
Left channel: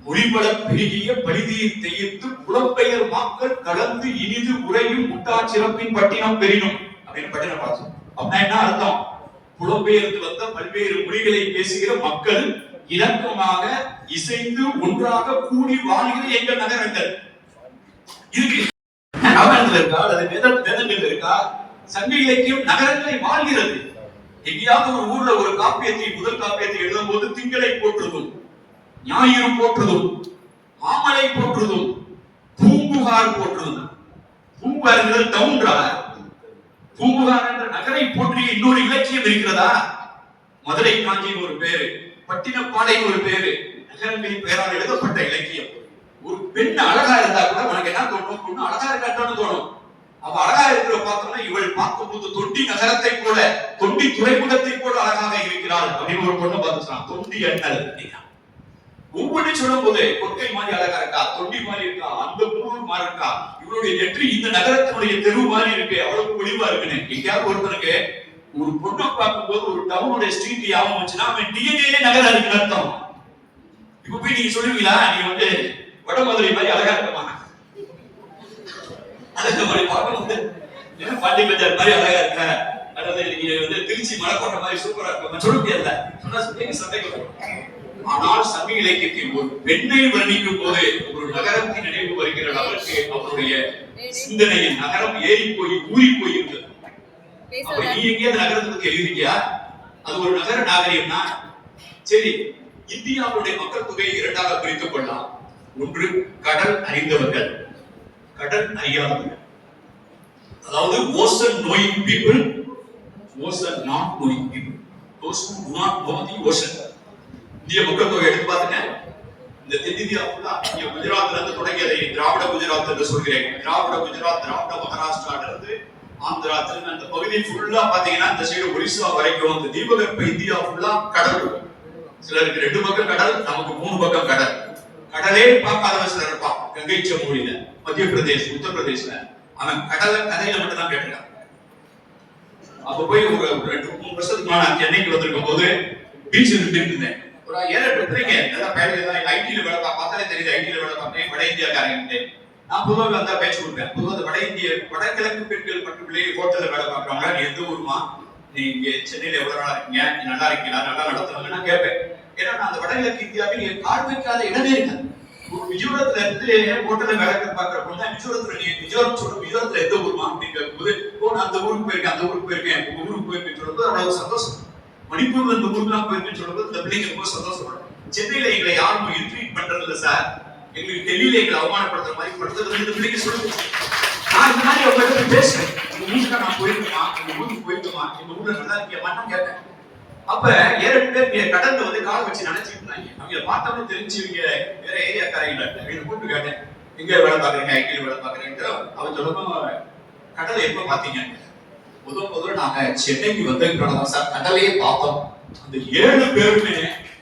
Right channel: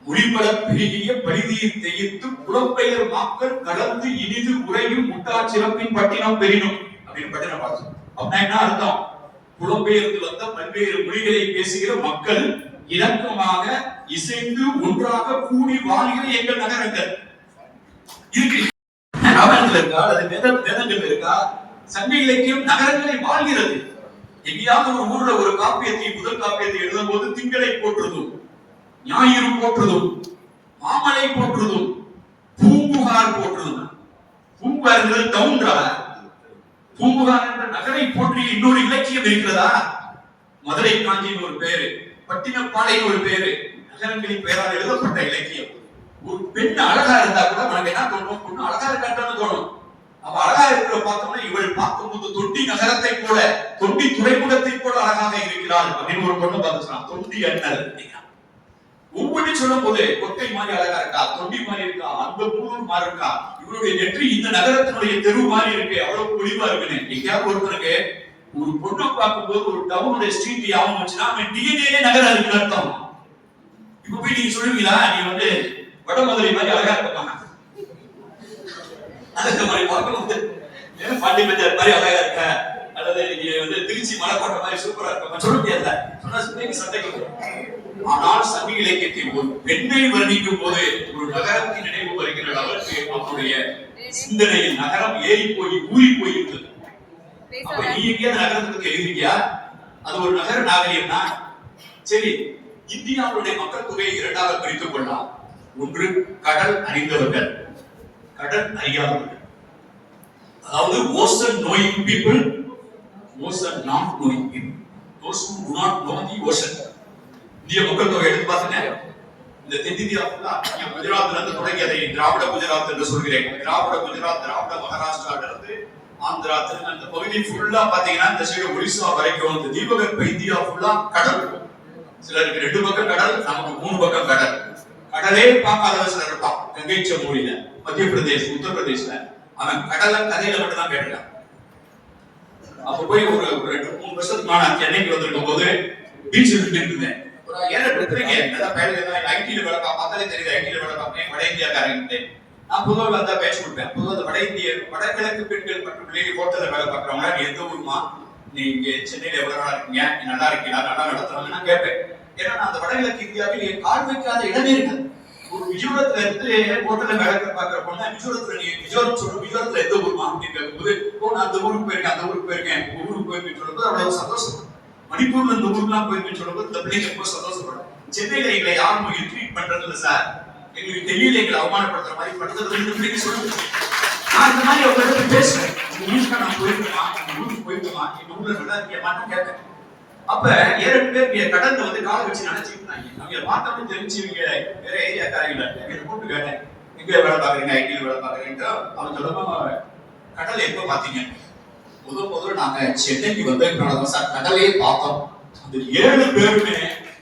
மொழிபட பெருகிய பரிதியில் தேயத்து புலப்பெயர் மக்கள் கடந்து இனிது உரையும் முட்டா சிறப்பின் பட்டினம் பெறினும் அப்படின்னு பட்டினம் பாசம். அப்படின்னா என்ன அர்த்தம்? புலம்பெயர்ந்து வந்த பல்வேறு மொழிகளை பேசுகிற மக்கள் இலக்கமாக இசைந்து ஒன்றாக கூடி வாழ்கிற எங்கள் நகரங்கள் இருக்கு. ராமாயணத்துல இருக்கா, அது வேதங்கள் இருக்கா? சங்க இலக்கியம் நகரங்களை வாழ்கிறது. எங்கேயாவது ஒரு ஊர்ல ஒரு முதல் காப்பியத்தை எழுதும் போது திங்களை போற்றுதும், ஞாயிறு போற்றுதும், மாமலை போற்றுதும், பூம்புகார் போற்றுதும். பூம்புகார் டவுன்ரா? பூம்புகார் என்ற நகரை போற்றி இன்னொரு இலக்கியம் இருக்கிறதா? மதுரை காஞ்சின்னு ஒரு பேரு, பட்டினப்பாளையம் ஒரு பேரு, நகரங்களின் பெயரால் எழுதப்பட்ட இலக்கியம். ஒரு பெண் அழகா இருந்தா கூட உனக்கு என்ன தோணும்? பொண்ணு அழகா இருக்கான்னு தோணும். அவ அழகா இருக்கிற பார்த்தோம்னா இவள் பார்க்கும்போது தொண்டி நகரத்தை போல, தொண்டி துறைமுகத்தை போல அழகாக இருக்கிறாள் அப்படின்னு ஒரு பொண்ணு பார்த்துக்கலாம். தொண்டி அண்ணல் ஒவ்வொன்றும் சொல்லும் போது கொட்டை மாதிரி அழகா இருக்கா, தொண்டி மாதிரி இருக்கா, அந்த பூர் மாதிரி இருக்கா, இவருடைய நெற்றி இந்த நகரத்தினுடைய தெரு மாதிரி இருக்கு, அவ்வளவு பொலிவா இருக்குன்னு. எங்கேயாவது ஒருத்தருக்கு ஒரு பொண்ணை பார்க்கும்போது ஒரு டவுனுடைய ஸ்ட்ரீட் யாவும் வச்சுன்னா அவன் டிஎன்ஏ நகரம் இருக்குன்னு அர்த்தம். இப்ப போய் நீங்க சொல்லுவீங்களா, நீ வட மதுரை மாதிரி அழகா இருப்பாங்க, அந்த மாதிரி பார்க்கும்போது பாண்டி பஜார் மாதிரி அழகா இருக்க, அல்லது நீங்க திருச்சி மலைக்கோட்டை மாதிரி சூப்பரா இருக்க சொல்ல முடியாதுல, சொன்னா சண்டைக்கு வரும். ஆனால் சங்க இலக்கியத்தில் ஒரு பெண்ணை வர்ணிக்கும் போது ஒரு நகரத்தின் நினைவு வருகிற அளவுக்கு அவருடைய சிந்தனையில் நகரம் ஏறி போய் ஊறி போய் இருந்தது. அப்ப நீ எங்கேயாவது நகரத்துக்கு எழுதியா? அது ஒரு நகர நாகரிகம்னா சரி. இந்தியாவுடைய மக்கள் தொகையை 2ஆக பிரித்துக் கொள்ளலாம். ஒன்று கடல் அறிந்தவர்கள், கடல் அறியாதவர்கள். அதாவது ocean knowing people ocean not knowing people, those who do not know the ocean. இந்திய மக்கள் தொகை எடுத்து பாருங்க, இந்த தென்னிந்தியா ஃபுல்லா இங்க குஜராத்ல இருந்து தொடங்கியதை திராவிட குஜராத் என்று சொல்கிறேன். திராவிட குஜராத், திராவிட மகாராஷ்டிரால இருந்து ஆந்திரா, அந்த பகுதி ஃபுல்லா பாத்தீங்கன்னா இந்த சைடு ஒரிசா வரைக்கும் இந்த தீபகற்ப இந்தியா ஃபுல்லா கடல். சிலருக்கு 2 பக்கம் கடல், நமக்கு 3 பக்கம் கடல். கடலே பார்க்காத சிலர் இருப்பான். கங்கை சமூலில மத்திய பிரதேஷ், உத்தரப்பிரதேஷ்ல அவன் கடலை கதையில மட்டும் தான் கேட்டுட்டான். அப்ப போய் ஒரு 2-3 வருஷத்துக்கு நான் சென்னைக்கு வந்திருக்கும் போது பீச்சில் இருந்தேன். ஒரு 7-8 பேருங்க நல்லா வேலையில ஐடில வேலை பார்த்தாலே தெரியுது. ஐடில வேலை பார்ப்பேன், வட இந்தியாக்காரங்க. நான் பொதுவாக வந்தா பேச்சு கொடுப்பேன். பொதுவாக வட இந்திய வடகிழக்கு பெண்கள் மட்டும் ஹோட்டல்ல வேலை பார்க்கறவங்க, நீ எந்த ஊருமா, நீ இங்க சென்னையில எவ்வளவு நாளா இருக்கீங்க, நீ நல்லா இருக்கீங்களா, நல்லா நடத்துறீங்க நான் கேட்பேன். ஏன்னா நான் அந்த வடகிழக்கு இந்தியாவில் கால் வைக்காத இடமே இருக்கு. ஒரு மிஜோரத்துல இருந்து ஹோட்டல்ல வேலை பார்க்கிற பொண்ணு மிஜோரத்துல, நீ மிஜோரம் சொல்ற மிஜோரத்துல எந்த ஊருமா அப்படின்னு கேட்கும்போது, நான் அந்த ஊருக்கு போயிருக்கேன், அந்த ஊருக்கு போயிருக்கேன், உங்க ஊருக்கு போயிருக்கேன்னு சொல்றது அவ்வளவு சந்தோஷம். மணிப்பூர்ல இந்த ஊருக்குலாம் போயிருக்கேன்னு சொல்றது இந்த பிள்ளைங்க ரொம்ப சந்தோஷப்படும். சென்னையில எங்களை யாரும் இன்ட்ரீட் பண்றது இல்லை சார், எங்களுக்கு டெல்லியில எங்களை அவமானப்படுத்துற மாதிரி படுத்துறது சொல்லுங்க. நான் இந்த மாதிரி அவங்களோட பேசுவேன். உங்க ஊருக்கு நான் போயிருக்கோமா, எங்க ஊருக்கு போயிருக்கோமா, எங்க ஊர்ல நல்லா இருக்கியமான்னு கேட்பேன். அப்ப 7 பேர் கடல்ல வந்து காலை வச்சு நினைச்சிட்டு இருந்தாங்க. அவங்க பார்த்தோம்னு தெரிஞ்சவங்க வேற ஏரியாக்காரங்க அப்படின்னு கூப்பிட்டு கேட்டேன், எங்க வேலை பாக்குறீங்க, ஐடியில் வேலை பாக்குறீங்க. அவன் சொல்லமா கடலை எப்ப பாத்தீங்க? முதல்ல நாங்க சென்னைக்கு வந்ததுனால சார் கடலையே பார்த்தோம். அந்த 7 பேருமே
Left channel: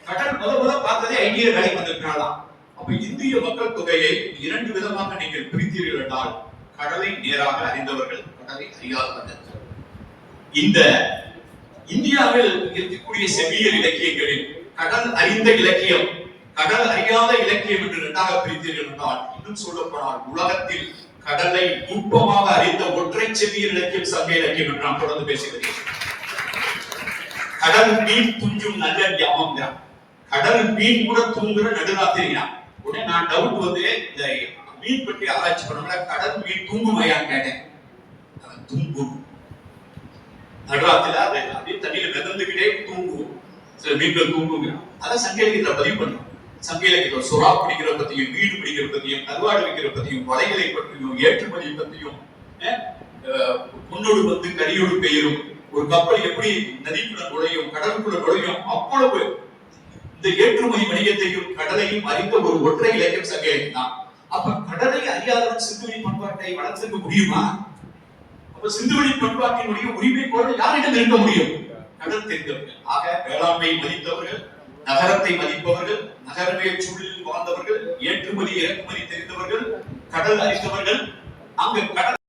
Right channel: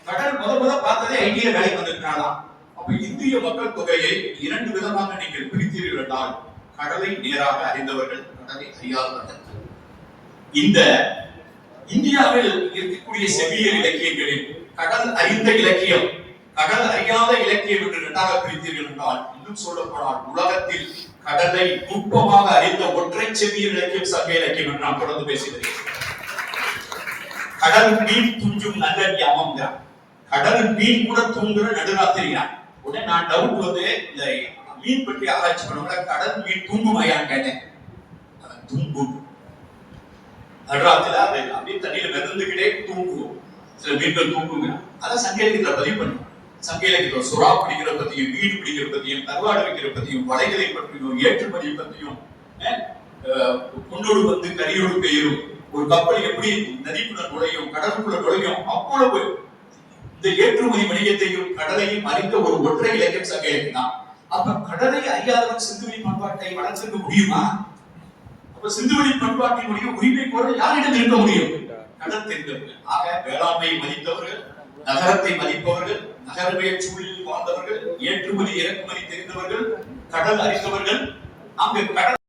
கடல் முதல்ல பார்த்ததே ஐடியா வேலைக்கு வந்திருக்காங்களாம். அப்ப இந்திய மக்கள் தொகையை 2 விதமாக நீங்கள் பிரித்தீர்கள் என்றால், கடலை நேராக அறிந்தவர்கள், கடலை அறியாதவர்கள். இந்த இந்தியாவில் இருக்கக்கூடிய செவியல் இலக்கியங்களில் கடல் அறிந்த இலக்கியம், கடல் அறியாத இலக்கியம் என்று 2ஆக பிரித்தீர்கள் என்றால், இன்னும் சொல்ல போனால் உலகத்தில் கடலை நுட்பமாக அறிந்த ஒற்றை செவியல் இலக்கியம் சங்க இலக்கியம் என்று நான் தொடர்ந்து பேசுகிறேன். கடல் மீன் துஞ்சும் நல்ல ஞாபகம், கடல் மீன் கூட தூங்குற நடுராத்திரியான். உடனே நான் டவுட் வந்து இந்த மீன் பற்றி ஆராய்ச்சி பண்ணோம்னா, கடல் மீன் தூங்குமையான்னு கேட்டேன். அவன் தூங்கும், நடுராத்திரில அப்படியே தண்ணியில மிதந்துகிட்டே தூங்குவோம். சில மீன்கள் தூங்குங்க. அதான் சங்க இலக்கியத்துல பதிவு பண்ணும். சங்க இலக்கியத்துல சுறா பிடிக்கிற பத்தியும், மீன் பிடிக்கிற பத்தியும், கருவாடு வைக்கிற பத்தியும், வலைகளை பற்றியும், ஏற்றுமதி பத்தியும், பொன்னோடு வந்து கரியோடு பெயரும், ஒரு கப்பல் எப்படி நதிக்குள்ள நுழையும், கடலுக்குள்ள நுழையும், அவ்வளவு இந்த ஏற்றுமதி வணிகத்தையும் கடலையும் அறிந்த ஒரு ஒற்றை இலக்கியம் சங்க இலக்கியம் தான். அப்ப கடலை அறியாதவன் சிந்துவெளி பண்பாட்டை வளர்த்திருக்க முடியுமா? அப்ப சிந்துவெளி பண்பாட்டினுடைய உரிமை கோர யாரிடம் இருக்க முடியும்? கடல் தெரிந்தவர்கள். ஆக வேளாண்மை மதித்தவர்கள், நகரத்தை மதிப்பவர்கள், நகரவியல் சூழலில் வாழ்ந்தவர்கள், ஏற்றுமதி இறக்குமதி தெரிந்தவர்கள், கடல் அறிந்தவர்கள். அங்கு கடல்